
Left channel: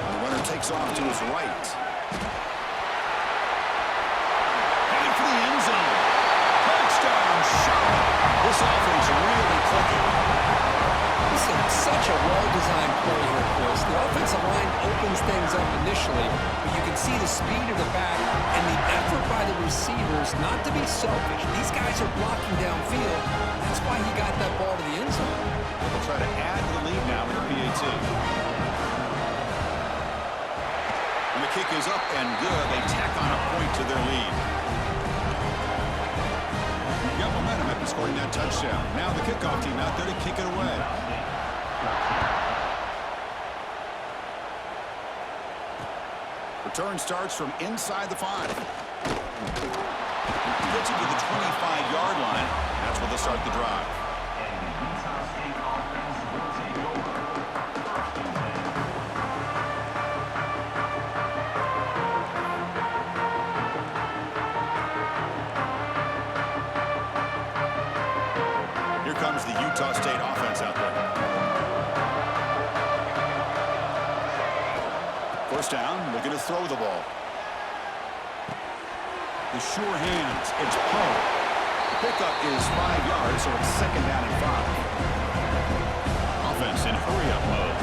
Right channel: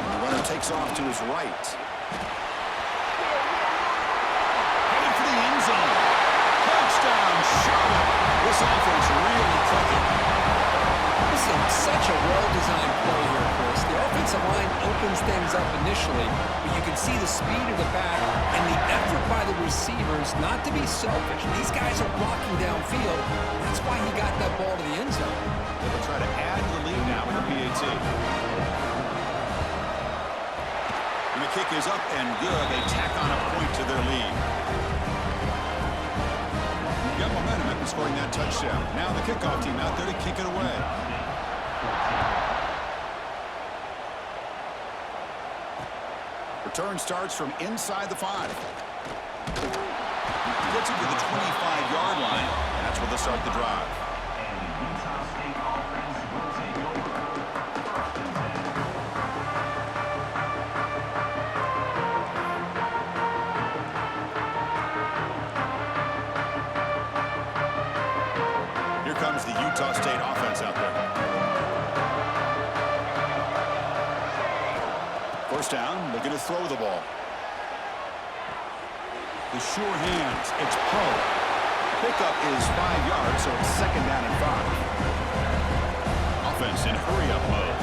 And the runner takes off to his right. Headed for the end zone. Touchdown, Charlotte. This offense really clicking. This is such a well-designed play here, Chris. The offensive line opens things up initially, but you can see the speed of the back and the effort by the receivers not to be selfish. These guys are blocking downfield. That's why he got that ball to the end zone. They'll try to add to the lead now with the PAT. And the kick is up and good. They tack on a point to their lead. You got momentum after scoring that touchdown. Now the kickoff team out there to kick it away. Return starts from inside the 5. Gets it to the 25-yard line. That's where they'll start the drive. And the Utah State offense will take over. 1st and 10. Here comes the Utah State offense out there. 1st down, looking to throw the ball. The sure hands, it's Poe. Pickup is 5 yards, so it's 2nd down and 5. Offense in hurry-up mode.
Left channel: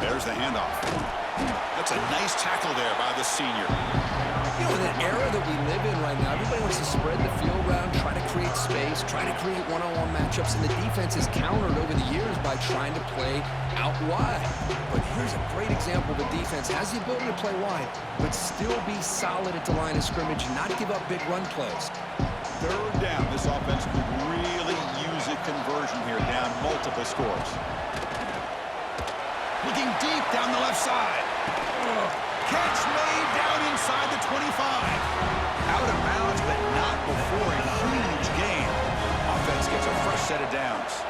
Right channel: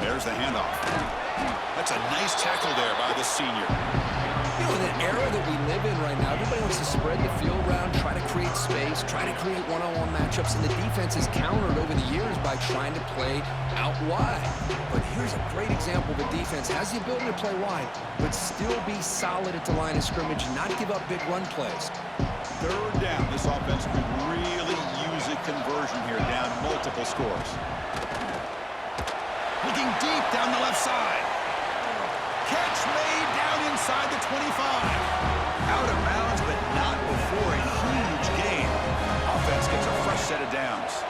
There's the handoff. That's a nice tackle there by the senior. You know, in the era that we live in right now, everybody wants to spread the field around, try to create space, try to create one-on-one matchups, and the defense has countered over the years by trying to play out wide. But here's a great example of a defense has the ability to play wide, but still be solid at the line of scrimmage and not give up big run plays. 3rd down. This offense could really use it conversion here, down multiple scores. Looking deep down the left side. Catch made down inside the 25. Out of bounds, but not before a huge gain. Offense gets a fresh set of downs.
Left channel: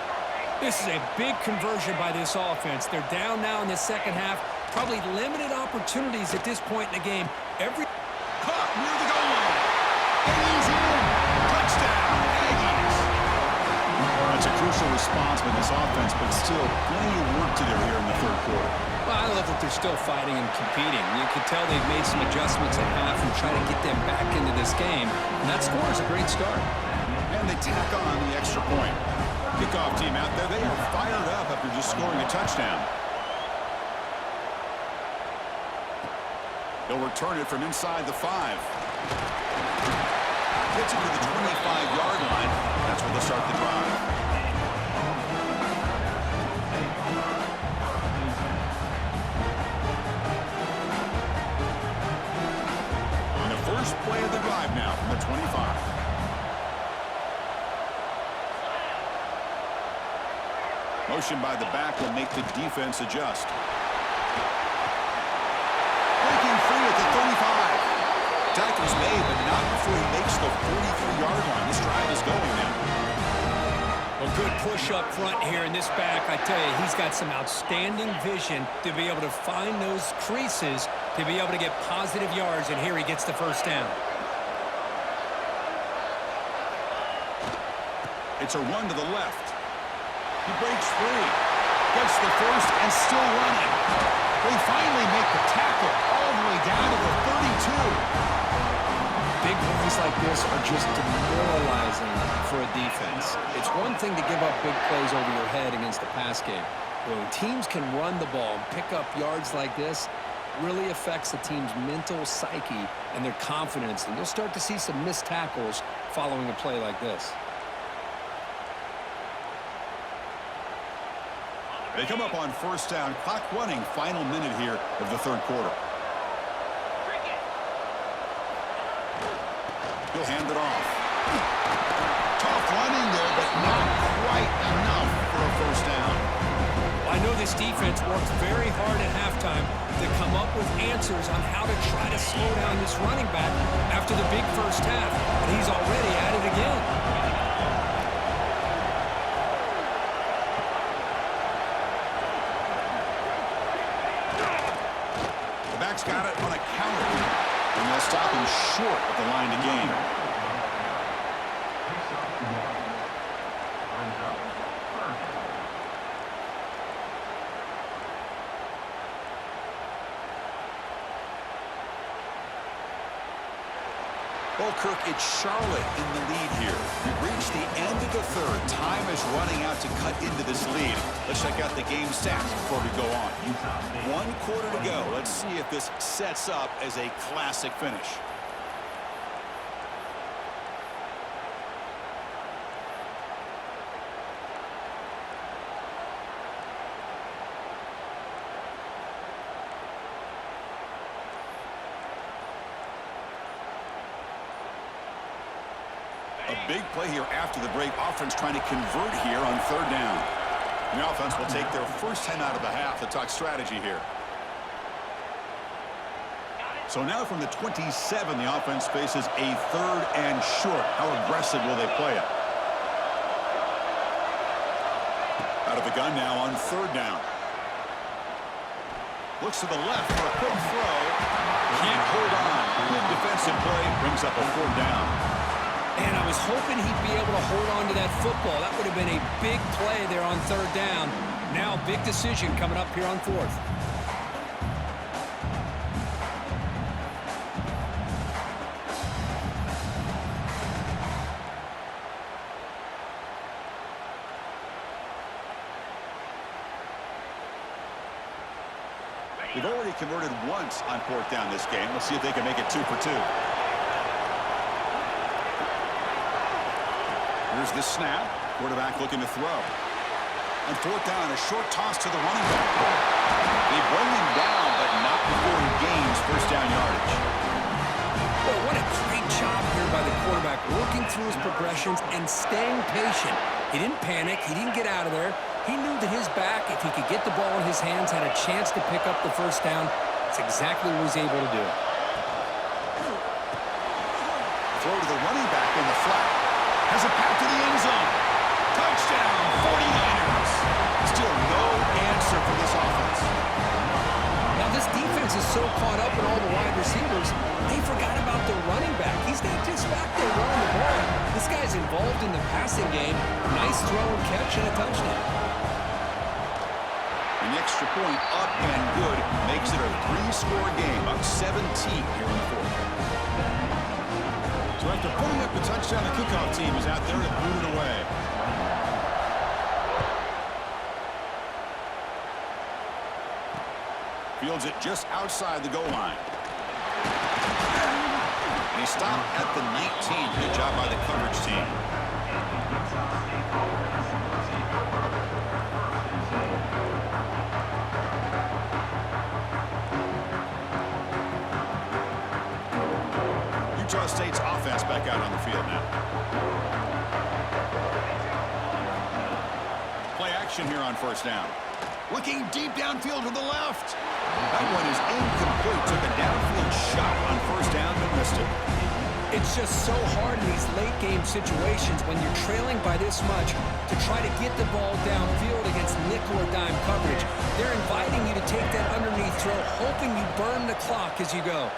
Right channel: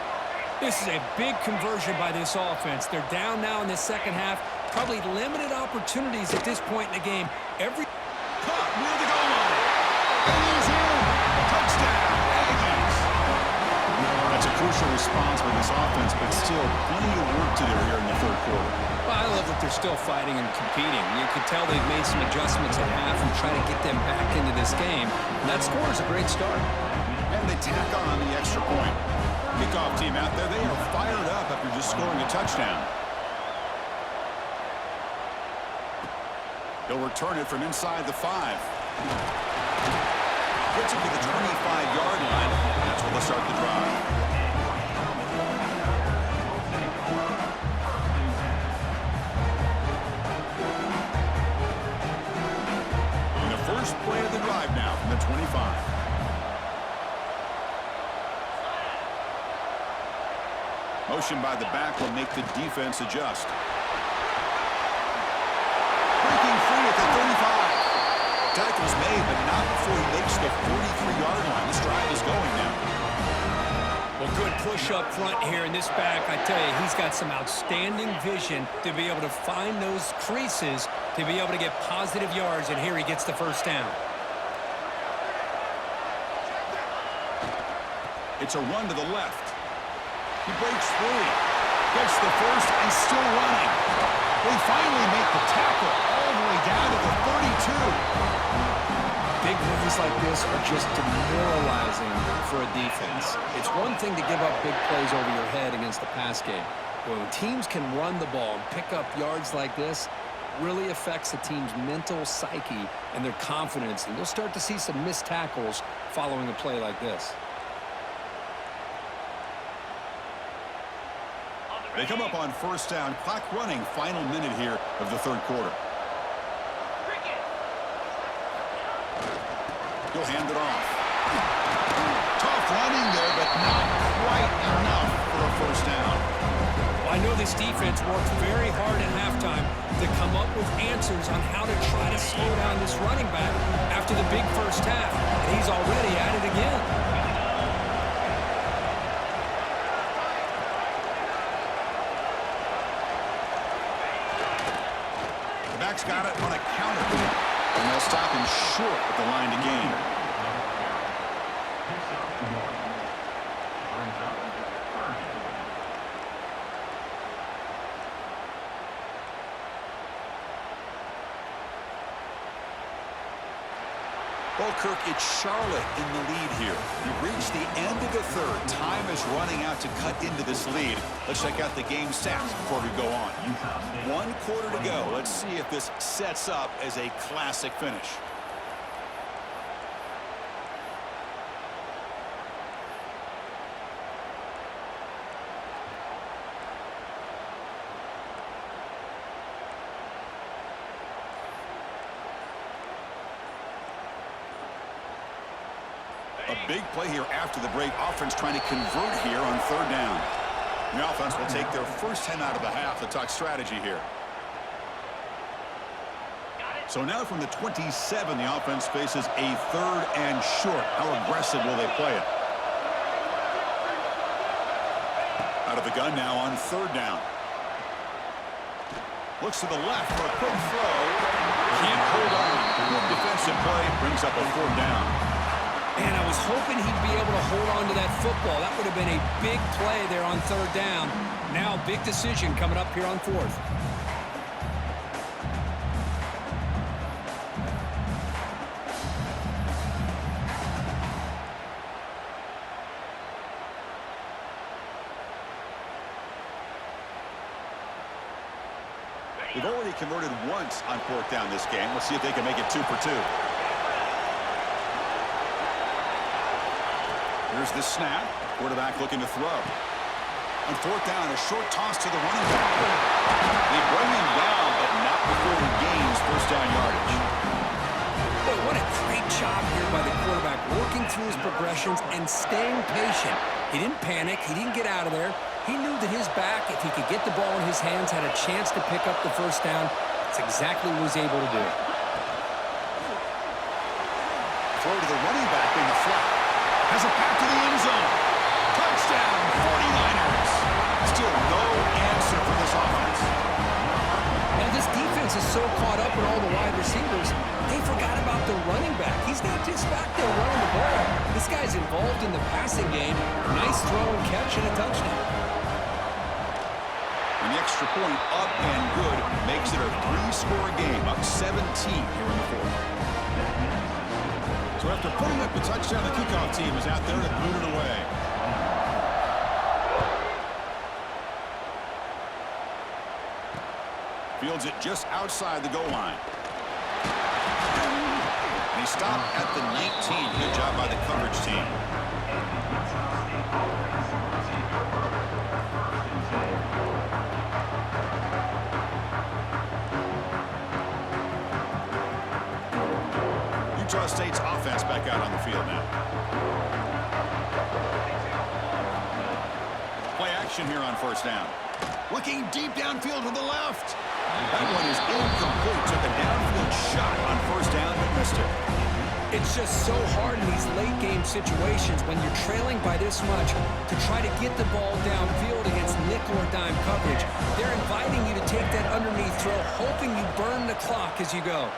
This is a big conversion by this offense. They're down now in the second half. Probably limited opportunities at this point in the game. Caught near the goal line. And he's in. Touchdown, Aggies. That's a crucial response by this offense, but still plenty of work to do here in the third quarter. Well, I love that they're still fighting and competing. You can tell they've made some adjustments at half and try to get them back into this game. And that score is a great start. And they tack on the extra point. Kickoff team out there, they are fired up after just scoring a touchdown. He'll return it from inside the 5. Gets it to the 25-yard line. That's where they'll start the drive. And the first play of the drive now from the 25. Motion by the back will make the defense adjust. Breaking free at the 35. Tackles made, but not before he makes the 43-yard line. This drive is going now. Well, good push up front here in this back. I tell you, he's got some outstanding vision to be able to find those creases, to be able to get positive yards, and here he gets the first down. It's a run to the left. He breaks free. Gets the first and still running. They finally make the tackle all the way down to the 32. Big runs like this are just demoralizing for a defense. It's one thing to give up big plays over your head against the pass game. But when teams can run the ball and pick up yards like this, really affects the team's mental psyche and their confidence. And you'll start to see some missed tackles following a play like this. They come up on first down. Clock running. Final minute here of the third quarter. He'll hand it off. Tough running there, but not quite enough for a first down. Well, I know this defense worked very hard at halftime to come up with answers on how to try to slow down this running back after the big first half, and he's already at it again. The back's got it on a counter, and they'll stop him short of the line to gain. Picks up 1. Brings up 3rd down. Well, Kirk, it's Charlotte in the lead here. We've reached the end of the third. Time is running out to cut into this lead. Let's check out the game stats before we go on. 1 quarter to go. Let's see if this sets up as a classic finish. A big play here after the break. Offense trying to convert here on third down. The offense will take their first 10 out of the half to talk strategy here. So now from the 27, the offense faces a 3rd and short. How aggressive will they play it? Out of the gun now on 3rd down. Looks to the left for a quick throw. Can't hold on. Good defensive play. Brings up a 4th down. And I was hoping he'd be able to hold on to that football. That would have been a big play there on 3rd down. Now, big decision coming up here on 4th. They've already converted once on 4th down this game. Let's see if they can make it 2 for 2. Here's the snap. Quarterback looking to throw. On 4th down, a short toss to the running back. They bring him down, but not before he gains first down yardage. Boy, what a great job here by the quarterback, working through his progressions and staying patient. He didn't panic. He didn't get out of there. He knew that his back, if he could get the ball in his hands, had a chance to pick up the first down. That's exactly what he was able to do. Throw to the running back in the flat. Has a pass to the end zone. Touchdown, 49ers. Still no answer for this offense. Now, this defense is so caught up in all the wide receivers, they forgot about the running back. He's not just back there running the ball. This guy's involved in the passing game. Nice throw and catch and a touchdown. And the extra point up and good makes it a 3-score game, up 17 here in the fourth. So after putting up the touchdown, the kickoff team is out there to boot it away. Fields it just outside the goal line. And he stopped at the 19. Good job by the coverage team. Utah State's offense back out on the field now. Play action here on first down. Looking deep downfield to the left. That one is incomplete. Took a downfield shot on first down, but missed it. It's just so hard in these late-game situations when you're trailing by this much to try to get the ball downfield against nickel or dime coverage. They're inviting you to take that underneath throw, hoping you burn the clock as you go.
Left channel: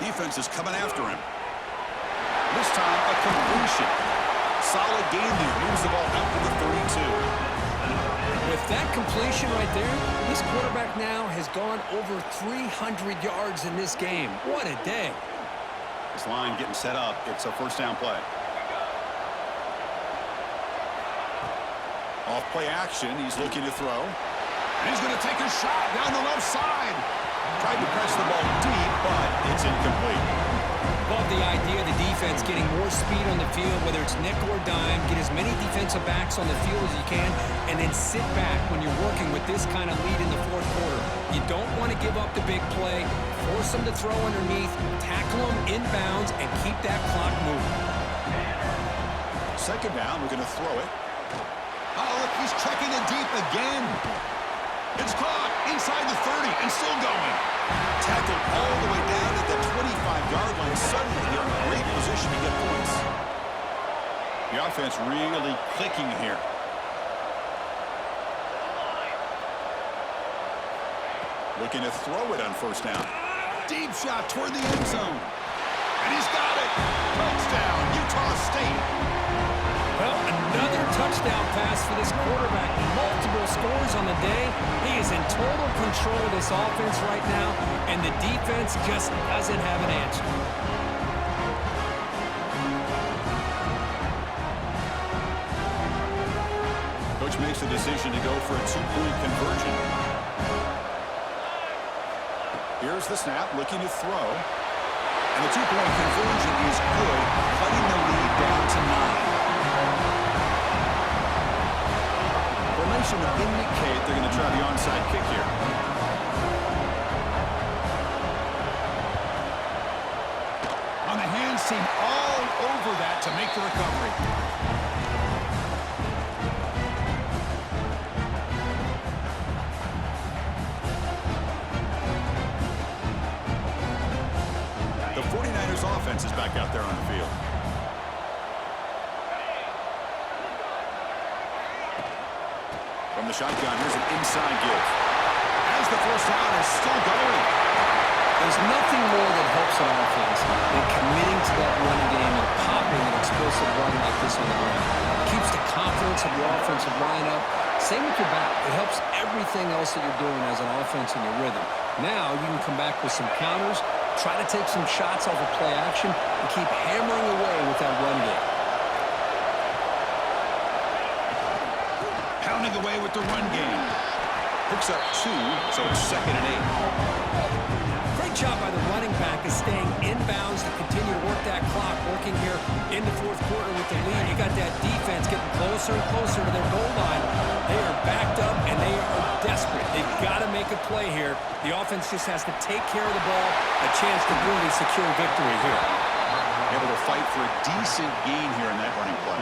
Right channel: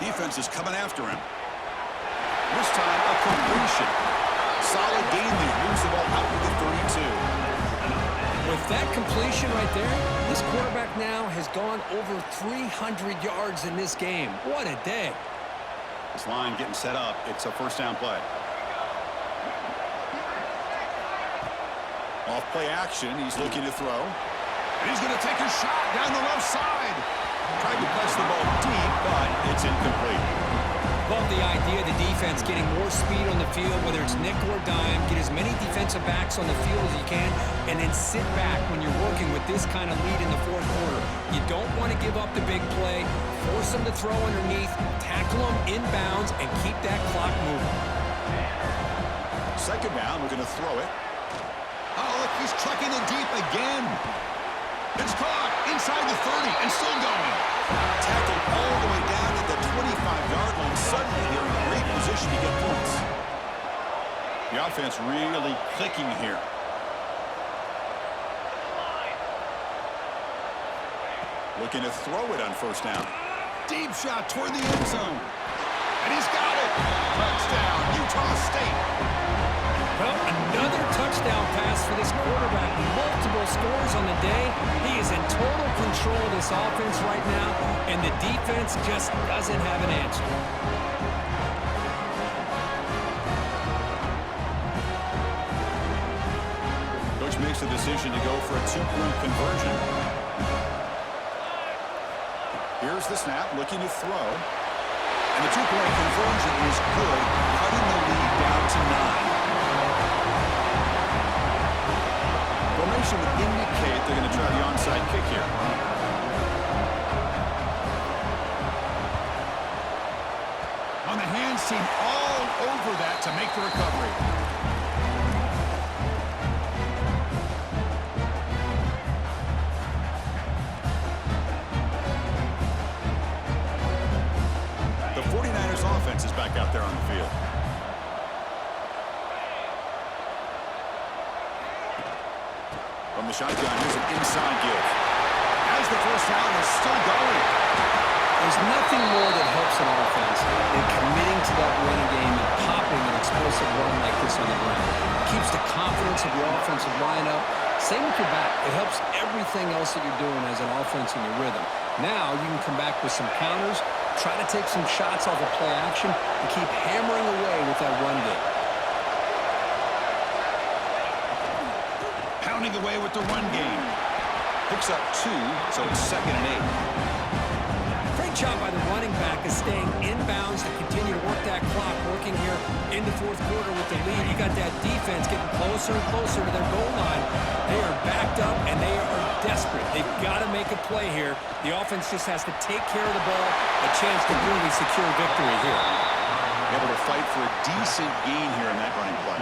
Defense is coming after him. This time, a completion. Solid gain there. Moves the ball out to the 32. With that completion right there, this quarterback now has gone over 300 yards in this game. What a day. This line getting set up. It's a first down play. Off play action. He's looking to throw. And he's going to take a shot down the left side. Tried to press the ball deep, but it's incomplete. Love the idea of the defense getting more speed on the field, whether it's nickel or dime. Get as many defensive backs on the field as you can, and then sit back when you're working with this kind of lead in the fourth quarter. You don't want to give up the big play. Force them to throw underneath, tackle them inbounds, and keep that clock moving. Second down, we're going to throw it. Oh, look, he's chucking it deep again. It's caught inside the 30 and still going. Tackled all the way down at the 25-yard line. Suddenly, they're in great position to get points. The offense really clicking here. Looking to throw it on first down. Deep shot toward the end zone. And he's got it. Touchdown, Utah State. Well, another touchdown pass for this quarterback. Multiple scores on the day. He is in total control of this offense right now, and the defense just doesn't have an answer. Coach makes the decision to go for a two-point conversion. Here's the snap, looking to throw. And the two-point conversion is good, cutting the lead down to 9. Formation would indicate they're going to try the onside kick here. On the hands team, all over that to make the recovery. The 49ers offense is back out there on the field. From the shotgun, here's an inside give. As the first down is still going. There's nothing more that helps an offense than committing to that running game and popping an explosive run like this on the ground. Keeps the confidence of your offensive lineup. Same with your back. It helps everything else that you're doing as an offense in your rhythm. Now you can come back with some counters, try to take some shots off of play action, and keep hammering away with that run game. Pounding away with the run game. Picks up 2, so it's 2nd and 8. Great job by the running back of staying inbounds to continue to work that clock, working here in the fourth quarter with the lead. You got that defense getting closer and closer to their goal line. They are backed up, and they are desperate. They've got to make a play here. The offense just has to take care of the ball, a chance to really secure victory here. Able to fight for a decent gain here in that running play.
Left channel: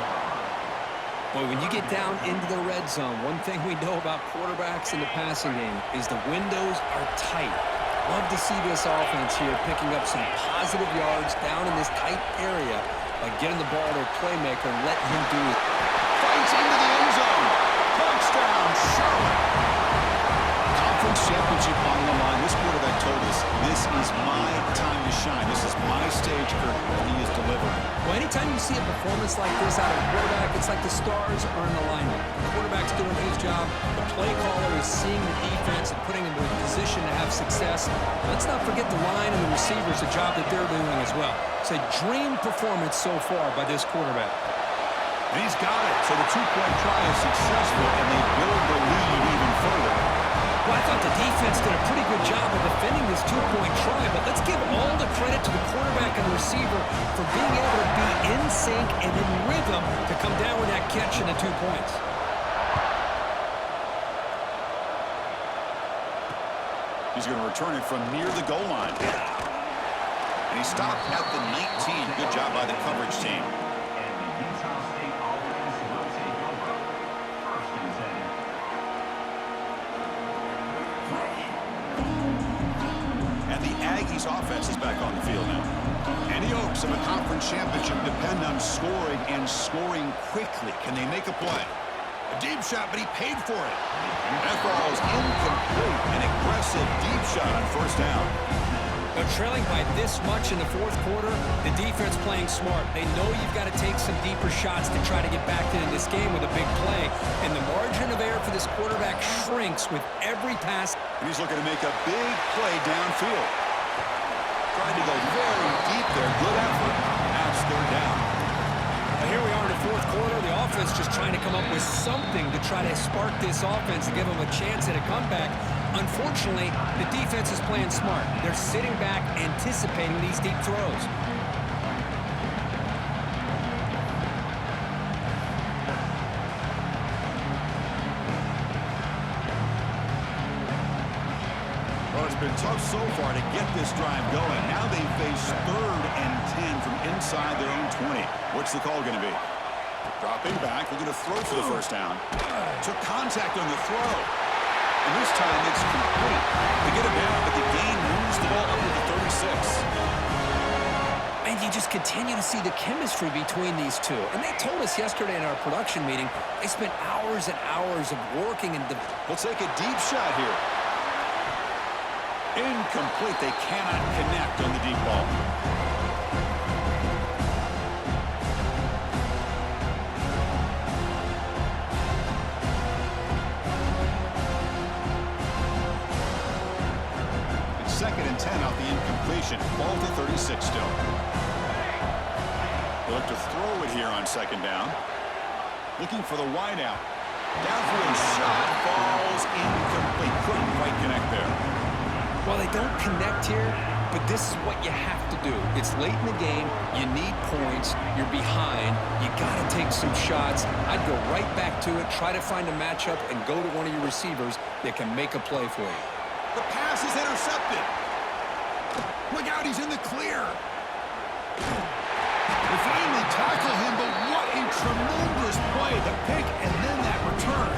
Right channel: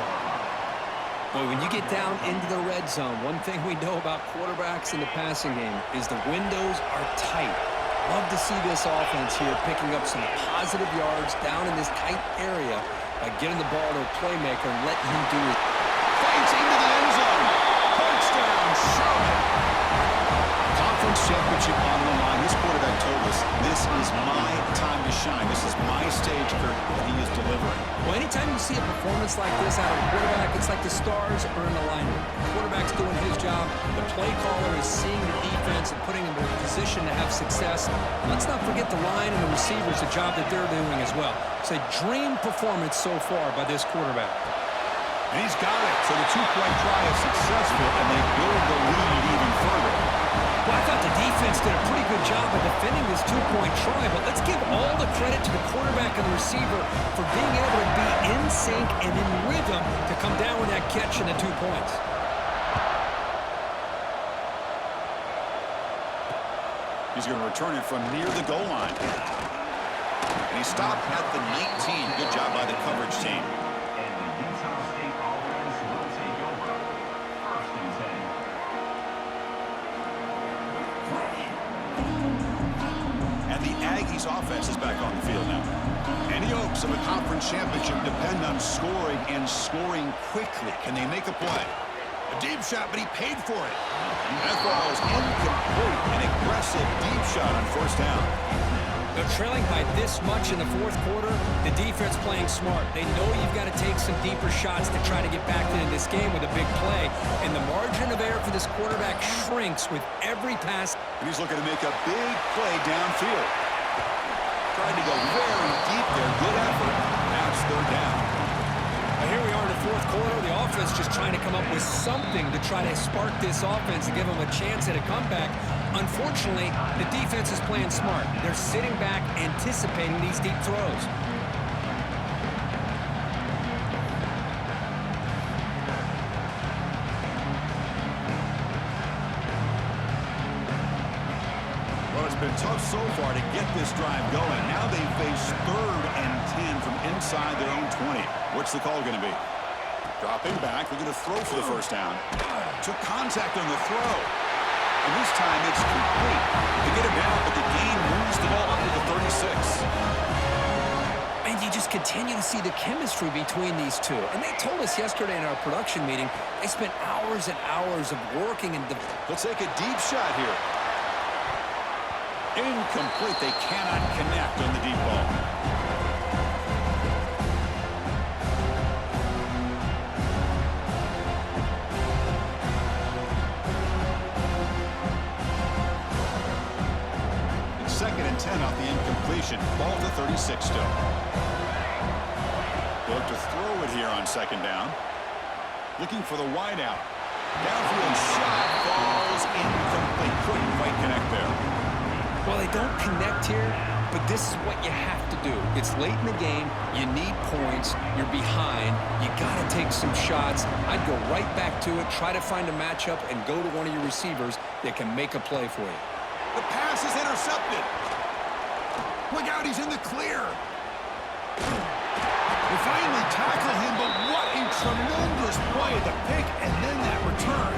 Boy, when you get down into the red zone, one thing we know about quarterbacks in the passing game is the windows are tight. Love to see this offense here picking up some positive yards down in this tight area by getting the ball to a playmaker and letting him do it. Fights into the end zone. Touchdown, Charlotte. Conference championship on the line. This quarterback told us, this is my time to shine. This is my stage, Kurt, and he is delivering. Well, anytime you see a performance like this out of a quarterback, it's like the stars are in alignment. The quarterback's doing his job. The play caller is seeing the defense and putting him in a position to have success. And let's not forget the line and the receivers, the job that they're doing as well. It's a dream performance so far by this quarterback. And he's got it. So the two-point try is successful, and they build the lead even further. Well, I thought the defense did a pretty good job of defending this two-point try, but let's give all the credit to the quarterback and the receiver for being able to be in sync and in rhythm to come down with that catch and the 2 points. He's going to return it from near the goal line. And he stopped at the 19. Good job by the coverage team. And the Utah State offense will take over. 1st and 10. And the Aggies offense is back on the field now. Any hopes of a conference championship depend on scoring and scoring quickly. Can they make a play? A deep shot, but he paid for it. That ball is incomplete. An aggressive deep shot on 1st down. They're trailing by this much in the 4th quarter. The defense playing smart. They know you've got to take some deeper shots to try to get back into this game with a big play. And the margin of error for this quarterback shrinks with every pass. And he's looking to make a big play downfield. Tried to go very deep there. Good effort. Now it's 3rd down. Here we are in the 4th quarter. The offense just trying to come up with something to try to spark this offense and give them a chance at a comeback. Unfortunately, the defense is playing smart. They're sitting back, anticipating these deep throws. Well, it's been tough so far to get this drive going. Now they face 3rd and 10 from inside their own 20. What's the call going to be? Dropping back, looking to throw for the 1st down. Took contact on the throw. And this time it's complete. They get him down, but the gain moves the ball up to the 36. And you just continue to see the chemistry between these two. And they told us yesterday in our production meeting, they spent hours and hours of working and... They'll take a deep shot here. Incomplete. They cannot connect on the deep ball. It's 2nd and 10 off the incompletion. Ball to 36 still. They look to throw it here on 2nd down. Looking for the wide out. Downfield shot falls incomplete. Couldn't quite connect there. Well, they don't connect here, but this is what you have to do. It's late in the game. You need points. You're behind. You got to take some shots. I'd go right back to it, try to find a matchup, and go to one of your receivers that can make a play for you. The pass is intercepted. Look out, he's in the clear. They finally tackle him, but what a tremendous play. The pick and then that return.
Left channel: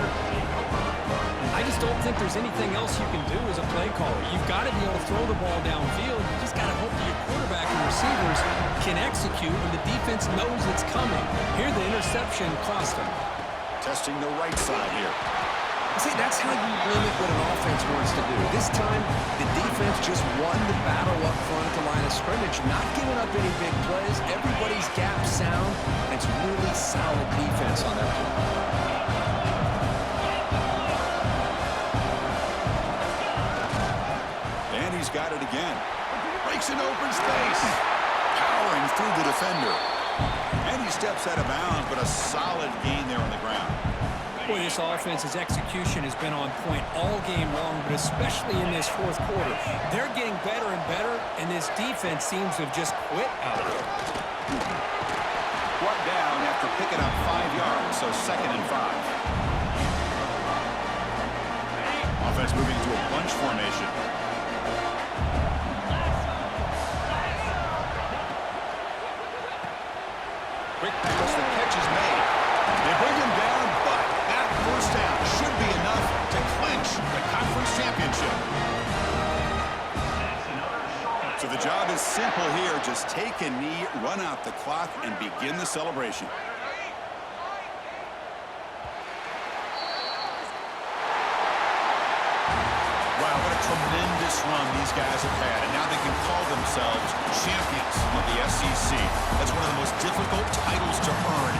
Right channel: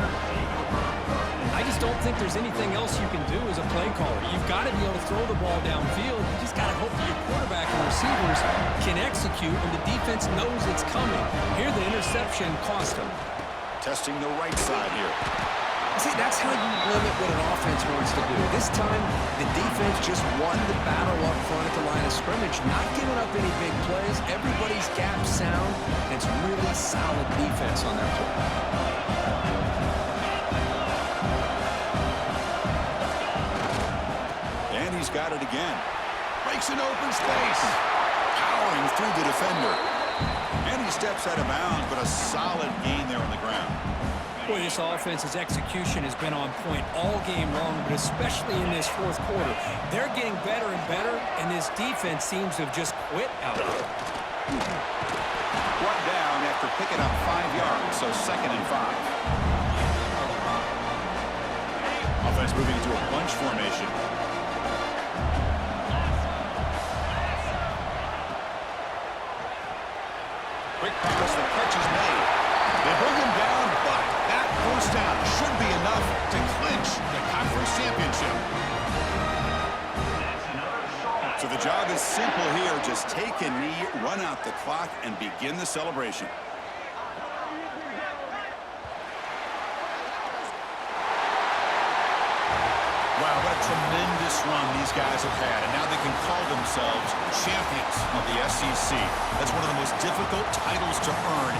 I just don't think there's anything else you can do as a play caller. You've got to be able to throw the ball downfield. You just got to hope that your quarterback and receivers can execute when the defense knows it's coming. Here, the interception cost them. Testing the right side here. See, that's how you limit what an offense wants to do. This time, the defense just won the battle up front at the line of scrimmage, not giving up any big plays. Everybody's gap sound, and it's really solid defense on that play. And he's got it again. Breaks an open space. Powering through the defender. And he steps out of bounds, but a solid gain there on the ground. Boy, this offense's execution has been on point all game long, but especially in this 4th quarter. They're getting better and better, and this defense seems to have just quit out there. Brought down after picking up 5 yards, so 2nd and 5. Offense moving into a bunch formation. Quick pass, the catch is made. They bring him down, but that first down should be enough to clinch the conference championship. It's another short. So the job is simple here. Just take a knee, run out the clock, and begin the celebration. Wow, what a tremendous run these guys have had. And now they can call themselves champions of the SEC. That's one of the most difficult titles to earn